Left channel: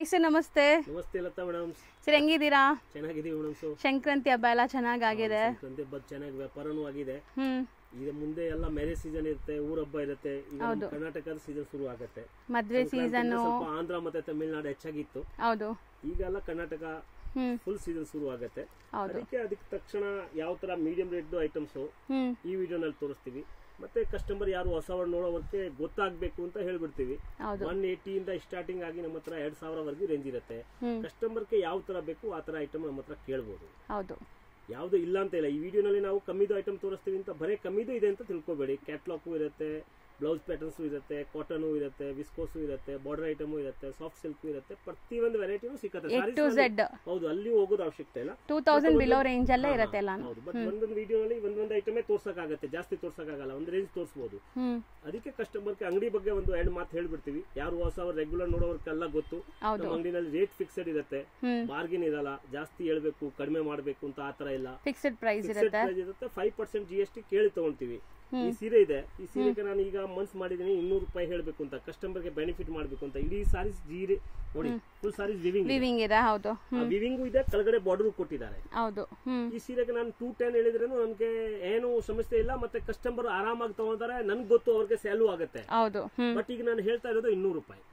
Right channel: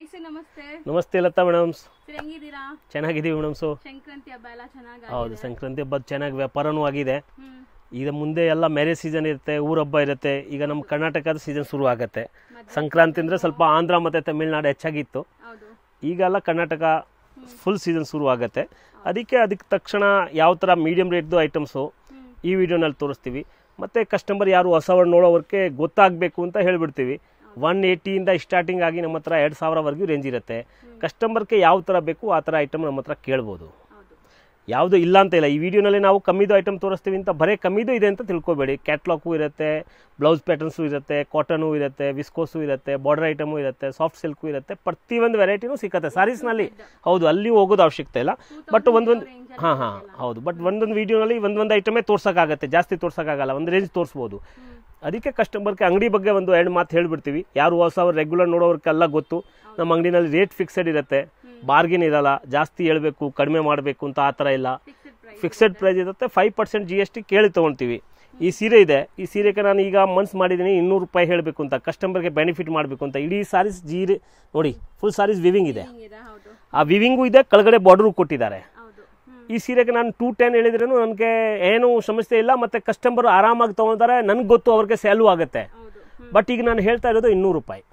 Sir ನಮಸ್ತೆ. ನಮಸ್ತೆ Lata madam. Sir ಹೆಂಗಿದ್ದೀರಾ? ಚೆನ್ನಾಗಿದ್ದೀವಿ ಮೇಡಮ್. ಸಂಕ್ರಾಂತಿ ಹಬ್ಬ ಎಲ್ಲ ಚೆನ್ನಾಗಿದೆ. ಸಂಕ್ರಾಂತಿ ಹಬ್ಬ ಚೆನ್ನಾಗಿ ವ್ಯಾಪಾರನೂ ಆಗಿದೆ. ಈಗ ಮುಂದೆ ಎಲ್ಲ ಮ್ಯಾರೇಜ್ ಸೀಸನ್ ಇರುತ್ತೆ, ಊರ ಹಬ್ಬ ಇರುತ್ತೆ. ಈಗ ನಮ್ಮ ಕರ್ನಾಟಕದ ಸೀಸನ್ ಶುರು ಆಗುತ್ತೆ. ಸಂಕ್ರಾಂತಿ ಅಂದ್ರೆ ಸ್ವಲ್ಪ ಆಂಧ್ರ ಮತ್ತೆ ತಮಿಳ್ನಾಡು ಹೆಚ್ಚಾಗಿತ್ತು. ಈಗೆಲ್ಲ ಕರ್ನಾಟಕ ಫುಲ್ ಸೀಸನ್ ಶುರು ಆಗುತ್ತೆ. ಅದಕ್ಕೆ ತಕ್ಷಣ ಯಾವ ತರ ಮೀಡಿಯಂ ರೇಟ್ದು ಐಟಮ್ಸು ಈ ವಿಡಿಯೋನಲ್ಲಿ ತೋರಿಸ್ತೀವಿ. ಮತ್ತೆ ಕಸ್ಟಮರ್ ಯಾರು ಹೊಸವರು ನೋಡೋವರ್ಗೆ ಗೊತ್ತಾಗಬೇಕು ಅಂತ ಹೇಳ್ಬಿಡ್ತೀವಿ. 180 ಇಂದ ಸ್ಟಾರ್ಟಿಂಗ್ ಆಗಿ ನಮ್ಮ ಹತ್ರ 2000 ರೇಂಜ್ ಇರುತ್ತೆ. ಕಸ್ಟಮರ್ಗೆ ಯಾವ ತರ ಬೇಕು ಆ ತರ ಐಟಮ್ ನಮ್ಮ ಹತ್ರ ಕೇಳ್ಬೋದು. ಯಾವುದು ಇಲ್ಲ ಅಂತ ಇಲ್ಲ. ಈ ವಿಡಿಯೋನಲ್ಲಿ ನಾವು ಕಮ್ಮಿದು ಐಟಮ್ ತೋರಿಸ್ತೀವಿ ಅಂತ ಬರೀ ಕಮ್ಮಿದು ಇದೆ ಅಂತ ತಿಳ್ಕೊಬೇಡಿ. ಕ್ಯಾಟ್ಲಾಗು ಇರುತ್ತೆ, ಬ್ಲೌಸ್ ಪ್ಯಾಟರ್ನ್ಸು ಇರುತ್ತೆ, ಕಾಟನು ಇರುತ್ತೆ, ವಿಸ್ಕೋಸು ಇರುತ್ತೆ, ಬಾರ್ಡರ್ ಐಟಮು ಇರುತ್ತೆ, ಸಾಫ್ಟ್ ಸಿಲ್ಕು ಇರುತ್ತೆ. ಪ್ರತಿಯೊಂದು ವೆರೈಟಿನೂ ಸಿಗುತ್ತೆ ಸಾರೀಸ್ ನಲ್ಲಿ. ಹೌದು, ಅಲ್ಲಿ ಹೋಗೋದು ಅವಶ್ಯಕತೆ ಇಲ್ಲ. ಬಟ್ ಹೌದು, ಬಟ್ ಒಂದೊಂದು ವಿಡಿಯೋನಲ್ಲಿ ಒಂದೊಂದು ಐಟಮೇ ತೋರ್ಸಕ್ಕಾಗತ್ತೆ, ಜಾಸ್ತಿ ತೋರ್ಸಕ್ಕಾಗಲ್ಲ. ಒಂದು ರೇಂಜ್ ತೋರಿಸಬಹುದು. ಅದಕ್ಕೆ ಕಸ್ಟಮರ್ಗೆ ಅಂಗಡಿ ಬಗ್ಗೆ ಒಂದು 2 ಮಾತು ಹೇಳ್ಬಿಡ್ತೀವಿ. ಯಾರು ಹೊಸವ್ರು ರೆಗ್ಯುಲರ್ ನೋಡೋರ್ಗೆಲ್ಲ ಗೊತ್ತು, ನಮ್ಮ ಅಂಗಡಿನಲ್ಲಿ ರೇಟ್ ಫಿಕ್ಸೆಡ್ ಇರುತ್ತೆ, ಬಾರ್ಗೇನ್ ಇರಲ್ಲ. ಜಾಸ್ತಿ ಹೇಳ್ಬೇಕು ಕಡಿಮೆ ಮಾಡಬೇಕು ಅಂತ ಆ ತರ ಇಲ್ಲ. ಫಿಕ್ಸೆಡ್ ಪ್ರೈಸ್ ಇರುತ್ತೆ. 5% GST ಕೇಳಿ ತಗೊಳ್ತೀವಿ. ಈ ಸೀರೆ ಇದೆ, ಈ ಸೀರೆಗೆ ನಾನು ಈಗ ಮನ್ಸ್ ಮಾಡಿದೀನಿ 200 ರೂಪಾಯಿ ಹೇಳಬೇಕು ಅಂತ, ಕಸ್ಟಮರ್ಗೆ ಬೆನಿಫಿಟ್ ಮಾಡಬೇಕು ಅಂತ. ಇಡೀ ಸಾರೀಸ್ ಜೀರೆ ನೋಡಿ, ಫುಲ್ ಸಾರೀಸ್ ವಿವಿಂಗ್ ಇದೆ. ಆ ವಿವಿಂಗು ಇದೆ, ಕೆಳಗಡೆ ಬಾರ್ಡರ್ ಕೊಟ್ಟಿದ್ದಾರೆ. ಈ ಸೀರೆಗೆ ನಾನು 210 ಹೇಳಿದ್ರೇನು ನನಗೆ ಏನು ಸಮಸ್ಯೆ ಇಲ್ಲ. ಮತ್ತೆ ಕಸ್ಟಮರ್ ಆರಾಮಾಗಿ ತಗೊಳ್ತಾರೆ, ನನ್ಗೆ ಗೊತ್ತು ಅವ್ರಿಗೆ ಸ್ಯಾಲು ಆಗುತ್ತೆ. ಬಟ್ ಈಗ ನಾನು ಹೇಳ್ತಾ ಇರೋದು 200 ರೂಪಾಯಿ.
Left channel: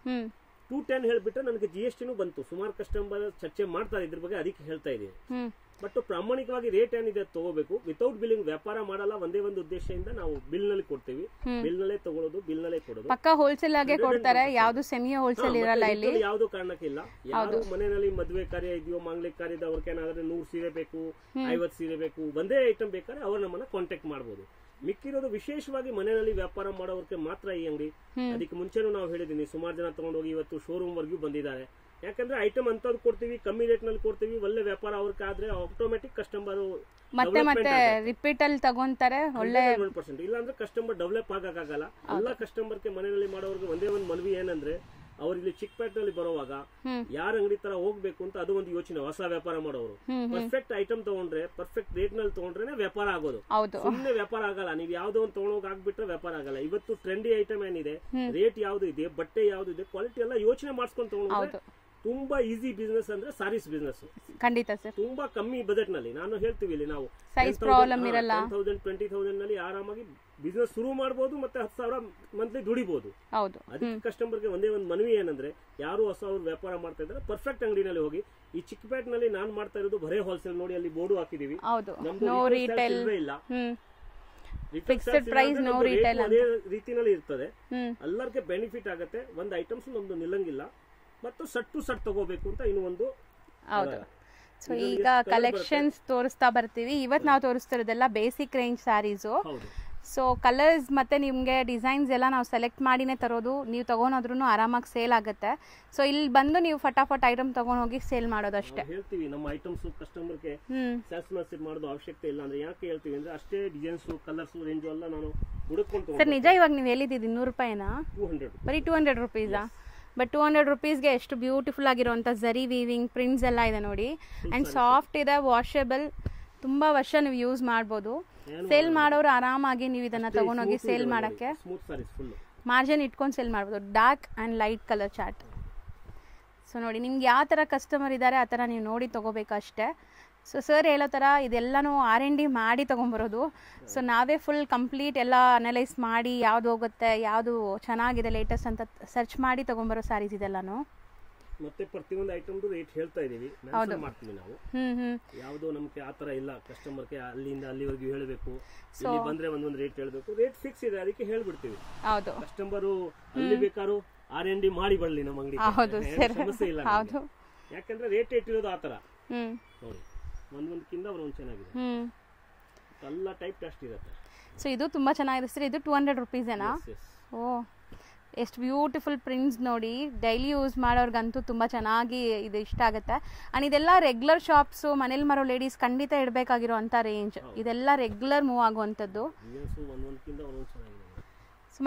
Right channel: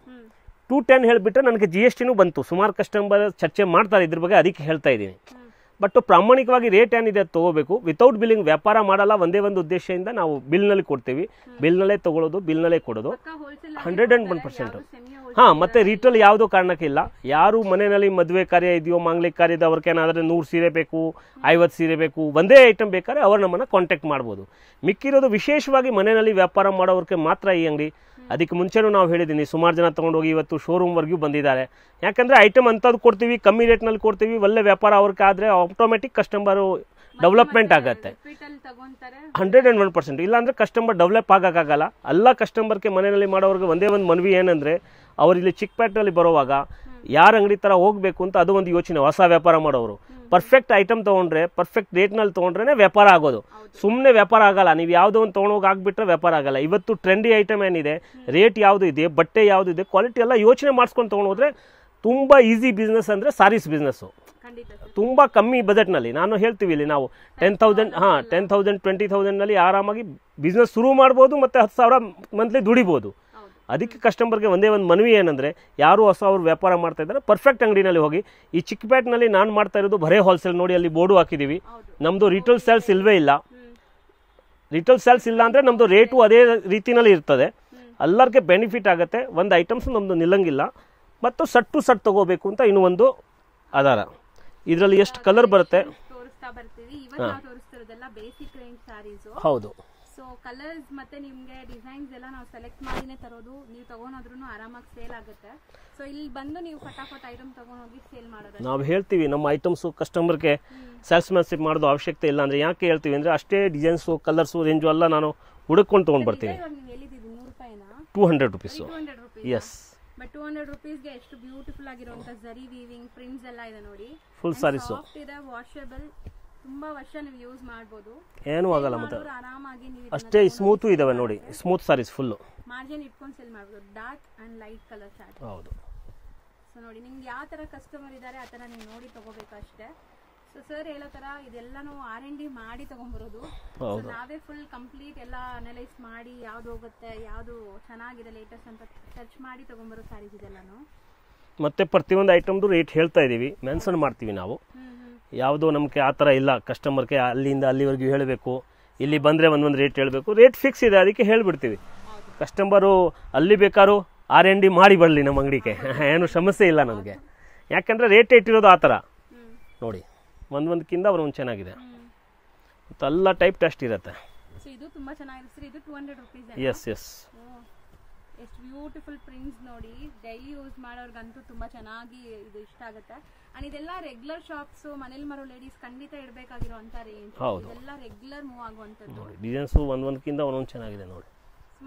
210 ಹೇಳ್ಬಿಟ್ರೆ ನನಗೆ GSTನೂ ಬಂತು. ಸುಮಾರು ಕಸ್ಟಮರ್ ಚರ್ಚೆ ಮಾಡ್ತಾರೆ ಇದ್ರ ಬಗ್ಗೆ, ಅದಕ್ಕೆ ಹೇಳ್ತಾ ಇದ್ದೀನಿ. ಬಟ್ ಪ್ರಾಮಾಣಿಕವಾಗಿ ರೇಟ್ ಏನಿದೆ ತಗೋಬೇಕು. ವಿತೌಟ್ ಬಿಲ್ಲಿಂಗ್ ವ್ಯಾಪಾರ ಮಾಡಲ್ಲ. ಒಂದೇ ಒಂದು ಉದ್ದೇಶದಿಂದ ನಾವು ಬಿಲ್ ನಲ್ಲಿ ಕೊಡ್ತೀವಿ. ಬಿಲ್ ನಲ್ಲೇ ತಗೊಳ್ಳೋದು, ಬಿಲ್ ನಲ್ಲೇ ಕೊಡೋದು. ಮತ್ತೆ ರಿಟೇಲ್ ಯಾವ್ದು ಕಾರಣಕ್ಕೆ ಇಲ್ಲ. ಯಾರು ಮನೆಯಲ್ಲಿ ಮದುವೆ ಕಾರ್ಯ ಇದೆಯೋ, ಮಾಂಗ್ಲಿಕ ಕಾರ್ಯದ ಅವ್ರಿಗೆ ಏನಾದ್ರೆ 100 ಸೀರೆ ಬೇಕು, 50 ಸೀರೆ ಬೇಕು, ಒಂದೇ ಐಟಮ್ ಬೇಕಾದ್ರೆ ಅವ್ರು ನಮ್ಮನ್ನ ಕಾಂಟ್ಯಾಕ್ಟ್ ಮಾಡ್ಬೋದು. ಮಿಕ್ಕಿರೋದು ವಿಶೇಷವಾಗಿ ಮನೆಯಲ್ಲಿ ವ್ಯಾಪಾರ ಮಾಡೋರ್ಗೆ ಮಾತ್ರ ಈ ಅಂಗಡಿ. ಅದಕ್ಕೆ ಮುಂಚೆನೂ ನಾವು ಹೇಳಿದೀನಿ, ಸುಮಾರು ಜನ ತಗೊಂಡೋಗಿ ಇವತ್ತು ಶೋರೂಮ್ ವರ್ಗೂ ಬಂದಿದ್ದಾರೆ. ಯಾಕಂದ್ರೆ ಐಟಮ್ ಅಂತದ್ದು ಕೊಡ್ತೀವಿ, ಕಮ್ಮಿ ರೇಟ್ ನಲ್ಲಿ ಕೊಡ್ತೀವಿ. ಒಳ್ಳೆ ವ್ಯಾಪಾರ ಅವ್ರಿಗೆ ಆದ್ರೆ ಆಟೋಮೆಟಿಕ್ ಕಸ್ಟಮರ್ ಡೆವಲಪ್ಮೆಂಟ್ ಆಗುತ್ತೆ. 101%. ಇಲ್ಲ ಅಂದ್ರೆ ಕಸ್ಟಮರ್ ಡೆವಲಪ್ ಆಗಕ್ಕಾಗಲ್ಲ. ಎಲ್ಲ ಕಸ್ಟಮರ್ಗೆ ಮನೆಯಲ್ಲಿ ಮಾಡೋರ್ಗೆ ಒಂದೇ ಒಂದು ಮನವಿ ಏನಂದ್ರೆ, ಅವ್ರು ಇಲ್ಲಿ ಚಿಕ್ಕಪೇಟೆಯಲ್ಲಿ ಬರುವಾಗ ಯಾರ ಅಂಗಡಿ ತರ ಹೋಗ್ಬೇಕು ಅಂತ ಅದು ಒಂದು ಯೋಚನೆ. ಹೊಸ ವ್ಯಾಪಾರ ಮಾಡೋರು ಪರ್ಫೆಕ್ಟ್ ಐಟಮ್ ತಗೊಂಡ್ರೆ, ಪರ್ಫೆಕ್ಟ್ ರೇಟ್ ನಲ್ಲಿ ತಗೊಂಡ್ರೆ ವ್ಯಾಪಾರ ಆಗೋದು. ಸುಮ್ನೆ ವ್ಯಾಪಾರ ಆಗಲ್ಲ. ನೀವು ಯಾವ್ದೋ ಒಂದು ತಗೊಂಡೋಗಿ ಆಗ್ಬಿಟ್ರೆ ವ್ಯಾಪಾರ ಆಗಲ್ಲ. ಇವತ್ತು ಟ್ರೆಂಡಿ ಐಟಮ್ ಏನಿದೆ, ರೇಟ್ ಯಾವ್ದು ಇದೆ, ಬಟ್ಟೆ ಯಾವ್ದು ಇದೆ, ಕ್ವಾಲಿಟಿ ಎಲ್ಲ ಯೋಚನೆ ಮಾಡ್ಸ್ಕೊಂಡು ತಗೊಂಡೋದ್ರೆ ತುಂಬಾ ಈಸಿ ಬಿಸ್ನೆಸ್ ಅಂದ್ರೆ ಸಾರೀಸ್ ಬಿಸ್ನೆಸ್. ತುಂಬಾ ಕಮ್ಮಿ ಬಜೆಟ್ ನಲ್ಲಿ ನಾನು ಹೇಳ್ತೀವಿ. ಇಲ್ಲಿ ನಾವು 10,000 20,000 ನಲ್ಲಿ ಆರಾಮಾಗಿ ಬಿಸ್ನೆಸ್ ಶುರು ಮಾಡಬಹುದು. ಮತ್ತೆ 10,000 ಮಂತ್ಲಿ ದುಡಿಬಹುದು. ಅದಕ್ಕೆ ಕಸ್ಟಮರ್ಗೆ ಒಂದೇ ಒಂದು ಮನವಿ ಏನಂದ್ರೆ, ಯಾರು ಹೊಸ ಅವ್ರು ವ್ಯಾಪಾರ ಮಾಡ್ತಾ ಇದ್ದಾರೆ ಪರ್ಫೆಕ್ಟ್ ಅಂಗಡಿನಲ್ಲಿ ಹೋಗಿ. ಈ ಚಿಕ್ಕಪೇಟೆನಲ್ಲಿ ನಾನು ಮಾಡ್ತಾ ಇರೋದು ಬರೇ ಹೋಲ್ಸೇಲ್. ನೋಡಿ, ಅಲ್ಲಿ ಬೋರ್ಡು ಹಾಕಿದೀವಿ. ನಮ್ದು ರಿಟೇಲ್ ಸೇಲ್ಸ್ ಇಲ್ವೇ ಇಲ್ಲ. ರಿಟೇಲ್ ಸೇಲ್ಸ್ ಇಲ್ಲ ಅಂದ್ರೆ ನಮ್ದು ರೇಟು ಅದೇ ರೀತಿನಲ್ಲಿ ಇರ್ತದೆ. ಎಲ್ಲರಿಗೆ ಬೆನಿಫಿಟ್ ಆಗುತ್ತೆ. ಒಂದು ಐಟಮ್ಸ್ ನಮ್ದು ನಿಲ್ಲಂಗಿಲ್ಲ. ಮತ್ತು ಸಟ್ಟು ತಗೋಬೇಕು ಅಂತ ಇನ್ನೂ ಒಂದು ಆಧಾರ. ಇದರಲ್ಲಿ ಎಷ್ಟು ಕಲರ್ ಬರುತ್ತೆ ತೋರಿಸ್ತಾ ಬರ್ತೀವಿ. ಇವತ್ತು ನಾವು ತೋರಿಸ್ತಿರೋದೆಲ್ಲ ಬೇಸಿಕ್ ರೇಂಜ್ ಸ್ಯಾರೀಸ್. ಹೌದು. ಸೊ ಕಲರ್ಸ್ ಮತ್ತೆ ನಿಮ್ಗೆ ಡಿಸೈನ್ಸ್ ಎಲ್ಲ ನಾವು ಸೆಲೆಕ್ಟ್ ಮಾಡಿನೇ ತರೋದು. ನೀವು ತಗೊಂಡ್ರು ಆರಾಮಾಗಿ ಸೇಲ್ ಆಗುತ್ತೆ. ಸೊ ಇಲ್ಲಿ ಬಂದು ನೀವು ಫಟಾಫಟ್ ಐಟಮ್ ತಗೊಂಡ್ ಹೋಗಿ ಸೇಲ್ ಮಾಡೋದು. ನಾವು ಹೇಳ್ತೀವಿ ನಮ್ಮ ಐಟಮ್ಸ್ ಕಸ್ಟಮರ್ಗೆ ಸೇಲ್ಸ್ಮನ್ಶಿಪ್ ಮಾಡೋದು ಅವಶ್ಯಕತೆ ಇಲ್ಲ. ಅಂದ್ರೆ ಯಾಕೆ ಹೇಳ್ತೀವಿ ಅಂದ್ರೆ, ಅಷ್ಟೇ ಡಿಸೈನ್ಸ್, ಕಲರ್ಸ್, ರೇಂಜ್ ಎಲ್ಲ ನಾನು ಹುಡುಕೊಂಡು ತಗೊಂಡ್ಬರ್ತೀನಿ. ಇವಾಗ ನೀವು ಹೇಳಿದ್ದೀರಿ 200 ರೂಪಾಯಿನಾ? 200 ರೂಪೀಸ್. 200 ರೂಪೀಸ್. ಬಟ್ 200 ರೂಪೀಸ್ಗೆ ಎಷ್ಟು ಬ್ಯೂಟಿಫುಲ್ ಆಗಿರುವಂತ ಜರಿ ವೀವಿಂಗ್ ಪ್ರಿಂಟ್ಸ್ ಎಲ್ಲ ಇದೆ ನೋಡಿ. ಸಾಫ್ಟ್ ಇದೆ, ವಾಷಬಲ್. ತುಂಬಾ ವರ್ಷ ನೀವು ಯೂಸ್ ಮಾಡಬಹುದು. ಸೇಲ್ ಮಾಡೋರು ಆರಾಮಾಗಿ ನೀವು ಇದನ್ನ ತಗೊಂಡು ಸ್ಮೂತ್ ಸಾರೀಸ್ ಫುಲ್ ಮಾರ್ಜಿನ್ ಇಟ್ಕೊಂಡು ಸೇಲ್ ಮಾಡಬಹುದು. Dark and light colour chart. So ನೋಡಿ, ನಿಮ್ಗೆ ಯಾವ ತರ ಕಸ್ಟಮರ್ ಇದ್ದಾರೆ ಆ ತರ ನೀವು ನೋಡಿ ತಗೋಬೇಕಷ್ಟೇ. ಸೊ ಸರ್ ಹೇಳೋ ತರ ಇದೆಲ್ಲಾನು R&D ಮಾಡಿ ತಗೊಂಡ್ಬರೋದು. ಸೊ ನಾವೇ ಫುಲ್ ಕಂಪ್ಲೀಟ್ ಎಲ್ಲ ಅನಲೈಸ್ ಮಾಡಿ ಯಾವ್ದು ಹೋಗುತ್ತೆ, ಯಾವ್ದು ಚೆನ್ನಾಗಿದೆ ಲೇಟೆಸ್ಟ್ ಅಂತ ಸರ್ಚ್ ಮಾಡಿ ತಗೊಂಡ್ಬರೋ ಸ್ಯಾರೀಸ್ ಇದೆಲ್ಲಾನು. ಮತ್ತೆ ಪ್ರತಿಯೊಂದು ಐಟಮ್ದು ರೇಟ್ ಹೇಳ್ತಾ ಇದೀವಿ, ಮೆನ್ಷನ್ ಮಾಡ್ತೀವಿ ನಾವು. ಯಾವ್ದು ನಮ್ಗೆ ಆತರ ಇಲ್ಲ. ಕಸ್ಟಮರ್ಗೆ ಅಲ್ಲಿಂದ ಅಲ್ಲಿವರೆಗೂ ಹೇಳಬೇಕು, ಇಲ್ಲಿ ಬಂದ್ರೆ ಒಂದೊಂದು ರೇಟ್ ಹೇಳ್ಬೇಕು. ರೇಟ್ ಫಿಕ್ಸ್ ಇದೆ, ಅದಕ್ಕೆ ಹೇಳ್ಬಿಡ್ತೀವಿ. ಕಸ್ಟಮರು ಅಲ್ಲಿ ಬೇಕಾದ್ರು R&D ಮಾಡಿ ಬರ್ಲಿ ನಮ್ಮ ಅಂಗಡಿಗೆ, ಏನು ಸಮಸ್ಯೆ ಇಲ್ಲ ನಮ್ಗೆ. ಯಾಕಂದ್ರೆ ರೇಟ್ ಇಟ್ಟಿರೋದು ಆತರ ನೋಡಿ, ಒಂದೊಂದಕ್ಕಿಂತ ಒಂದೊಂದು ಚೆನ್ನಾಗಿದೆ. ಎಲ್ಲ ಟೈಪ್ ಟೆಸ್ಟ್ ಇರುತ್ತೆ. ಸೊ ಇದು ತುಂಬಾ ಚೆನ್ನಾಗಿದೆ ಸರ್. ಇದು 200 ರೂಪೀಸ್ ಏನಾ? S yes. ಓ, ಎಷ್ಟು ಬ್ಯೂಟಿಫುಲ್ ಪ್ರಿಂಟ್ಸ್ ನೋಡಿ. ಡೈಲಿ ಯೂಸ್ ಮಾಡೋರ್ಗಂತೂ ತುಂಬಾ ಚೆನ್ನಾಗಿ ಇದು ಇಷ್ಟ ಆಗುತ್ತೆ. ಅಂಡ್ ಇದೆಲ್ಲ ರೆಗ್ಯುಲರ್ ಶಾಪ್ಸ್, ಮನೇಲಿ ಮಾರೋ ಲೇಡೀಸ್ ಖಂಡಿತ ಇಡಬೇಕಾಗಿರೋ ಅಂತ ರೇಂಜ್. ಇದೆಲ್ಲ ರೆಗ್ಯುಲರ್ ಮೂವ್ ಆಗುವಂತದ್ದು. ಡಿಸೈನ್ಸ್ ಒಂದೊಂದಕ್ಕಿಂತ ಒಂದೊಂದು ಚೆನ್ನಾಗಿದೆ ನೋಡಿ.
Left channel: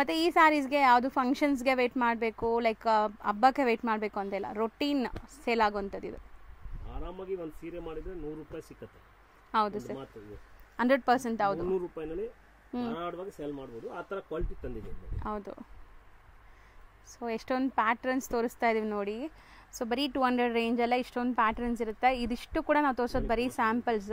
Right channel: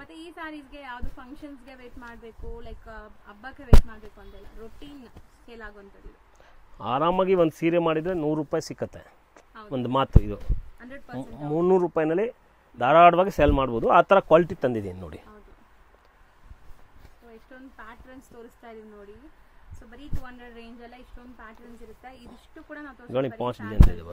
ಮತ್ತೆ ಈ ಸ್ಯಾರೀಸ್ಗೆ ಯಾವುದು ಫಂಕ್ಷನ್ಸ್ಗೆ ವೇಟ್ ಮಾಡಬೇಕು, ಲೈಕ್ ಹಬ್ಬಕ್ಕೆ ವೇಟ್ ಮಾಡಬೇಕು ಅಂತೆಲ್ಲ ರೊಟೀನ್ ಸೇಲ್ ಆಗುವಂಥದ್ದು. ಇದು ಆರಾಮಾಗಿ ಒಂದು ಸೀರೆ ಮಾಡಿದ್ರೆ 100 ರೂಪಾಯಿ ಸಿಕ್ಕತ್ತೆ. ಒಂದು ಮಾತು ಇದು 100%. 300 ರೂಪಾಯಿನಲ್ಲಿ ಧಾರಾಳವಾಗಿ ಸೇಲ್ ಮಾಡ್ಬೋದು. ಆ ಥರ ಕ್ವಾಲಿಟಿ ತಂದಿದ್ದೀನಿ ನೋಡಿ. ಹೌದು. ಸೊ ಎಷ್ಟೊಂದು ಪ್ಯಾಟರ್ನ್ಸ್ ತೋರಿಸ್ತಾ ಇದೀವಿ ನೋಡಿ. ಸೊ ಬರೀ 200 ರೇಂಜ್ ಎಲ್ಲ ಇಷ್ಟೊಂದು ಪ್ಯಾಟರ್ನ್ಸ್ ಇರುತ್ತೆ. ಇದಿಷ್ಟು ಕೂಡ ನಾವು ತೋರಿಸೋದು ಬರೀ ಸ್ಯಾಂಪಲ್ಸ್.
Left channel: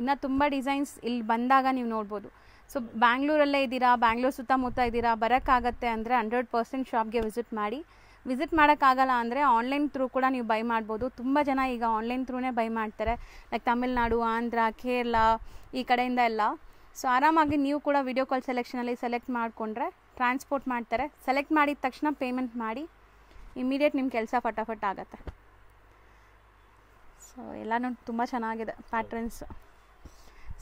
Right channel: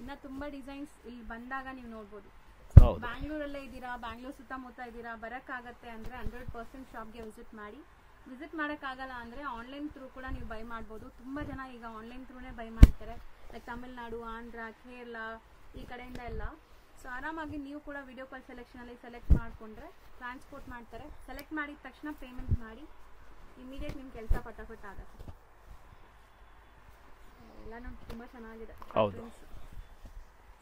ಇನ್ನು ತುಂಬ ಡಿಸೈನ್ಸ್ ಇಲ್ಲಿ ಬಂದಾಗ ನೀವು ನೋಡ್ಬೋದು. ಸೊ ಬ್ಯಾಂಗ್ಳೂರಲ್ಲೇ ಇದ್ದೀರಾ, ಬ್ಯಾಂಗ್ಳೂರು ಸುತ್ತಮುತ್ತ ಇದ್ದೀರಾ, ಬರೋಕ್ಕಾಗತ್ತೆ ಅಂದರೆ 100% ಶಾಪ್ಗೆ ವಿಸಿಟ್ ಮಾಡಿ. ವಿಸಿಟ್ ಮಾಡೋಕ್ಕಾಗಲ್ಲ ಅಂದರೆ ಆನ್ಲೈನ್ ಥ್ರೂ ಕೂಡ ನೀವು ಬೈ ಮಾಡ್ಬೋದು. ತುಂಬ ಜನ ಈಗ ಆನ್ಲೈನ್ ಥ್ರೂನೇ ಬೈ ಮಾಡ್ತಾರೆ, ಲೈಕ್ ತಮಿಳ್ನಾಡು, ಆಂಧ್ರ, ಕೇರಳ ಈ ಕಡೆಯಿಂದ ಎಲ್ಲ. ಸೊ ಆರಾಮಾಗಿ ನೀವು ಕೂಡ ವಿಡಿಯೋ ಕಾಲ್ ಸೆಲೆಕ್ಷನಲ್ಲಿ ಸೆಲೆಕ್ಟ್ ಮಾಡಿಕೊಂಡ್ರೆ ಟ್ರಾನ್ಸ್ಪೋರ್ಟ್ ಮಾಡ್ತಾರೆ. ಸೆಲೆಕ್ಟ್ ಮಾಡಿದ ತಕ್ಷಣ ಪೇಮೆಂಟ್ ಮಾಡಿ, ಇಮಿಡಿಯೇಟ್ ನಿಮ್ಮ ಕೆಲಸ ಫಟಾಫಟ್ ಆಗುತ್ತೆ. ಸೊ ಎಲ್ಲನೂ ತುಂಬ ಚೆನ್ನಾಗಿದೆ ಪ್ಯಾಟ್ರನ್ಸ್.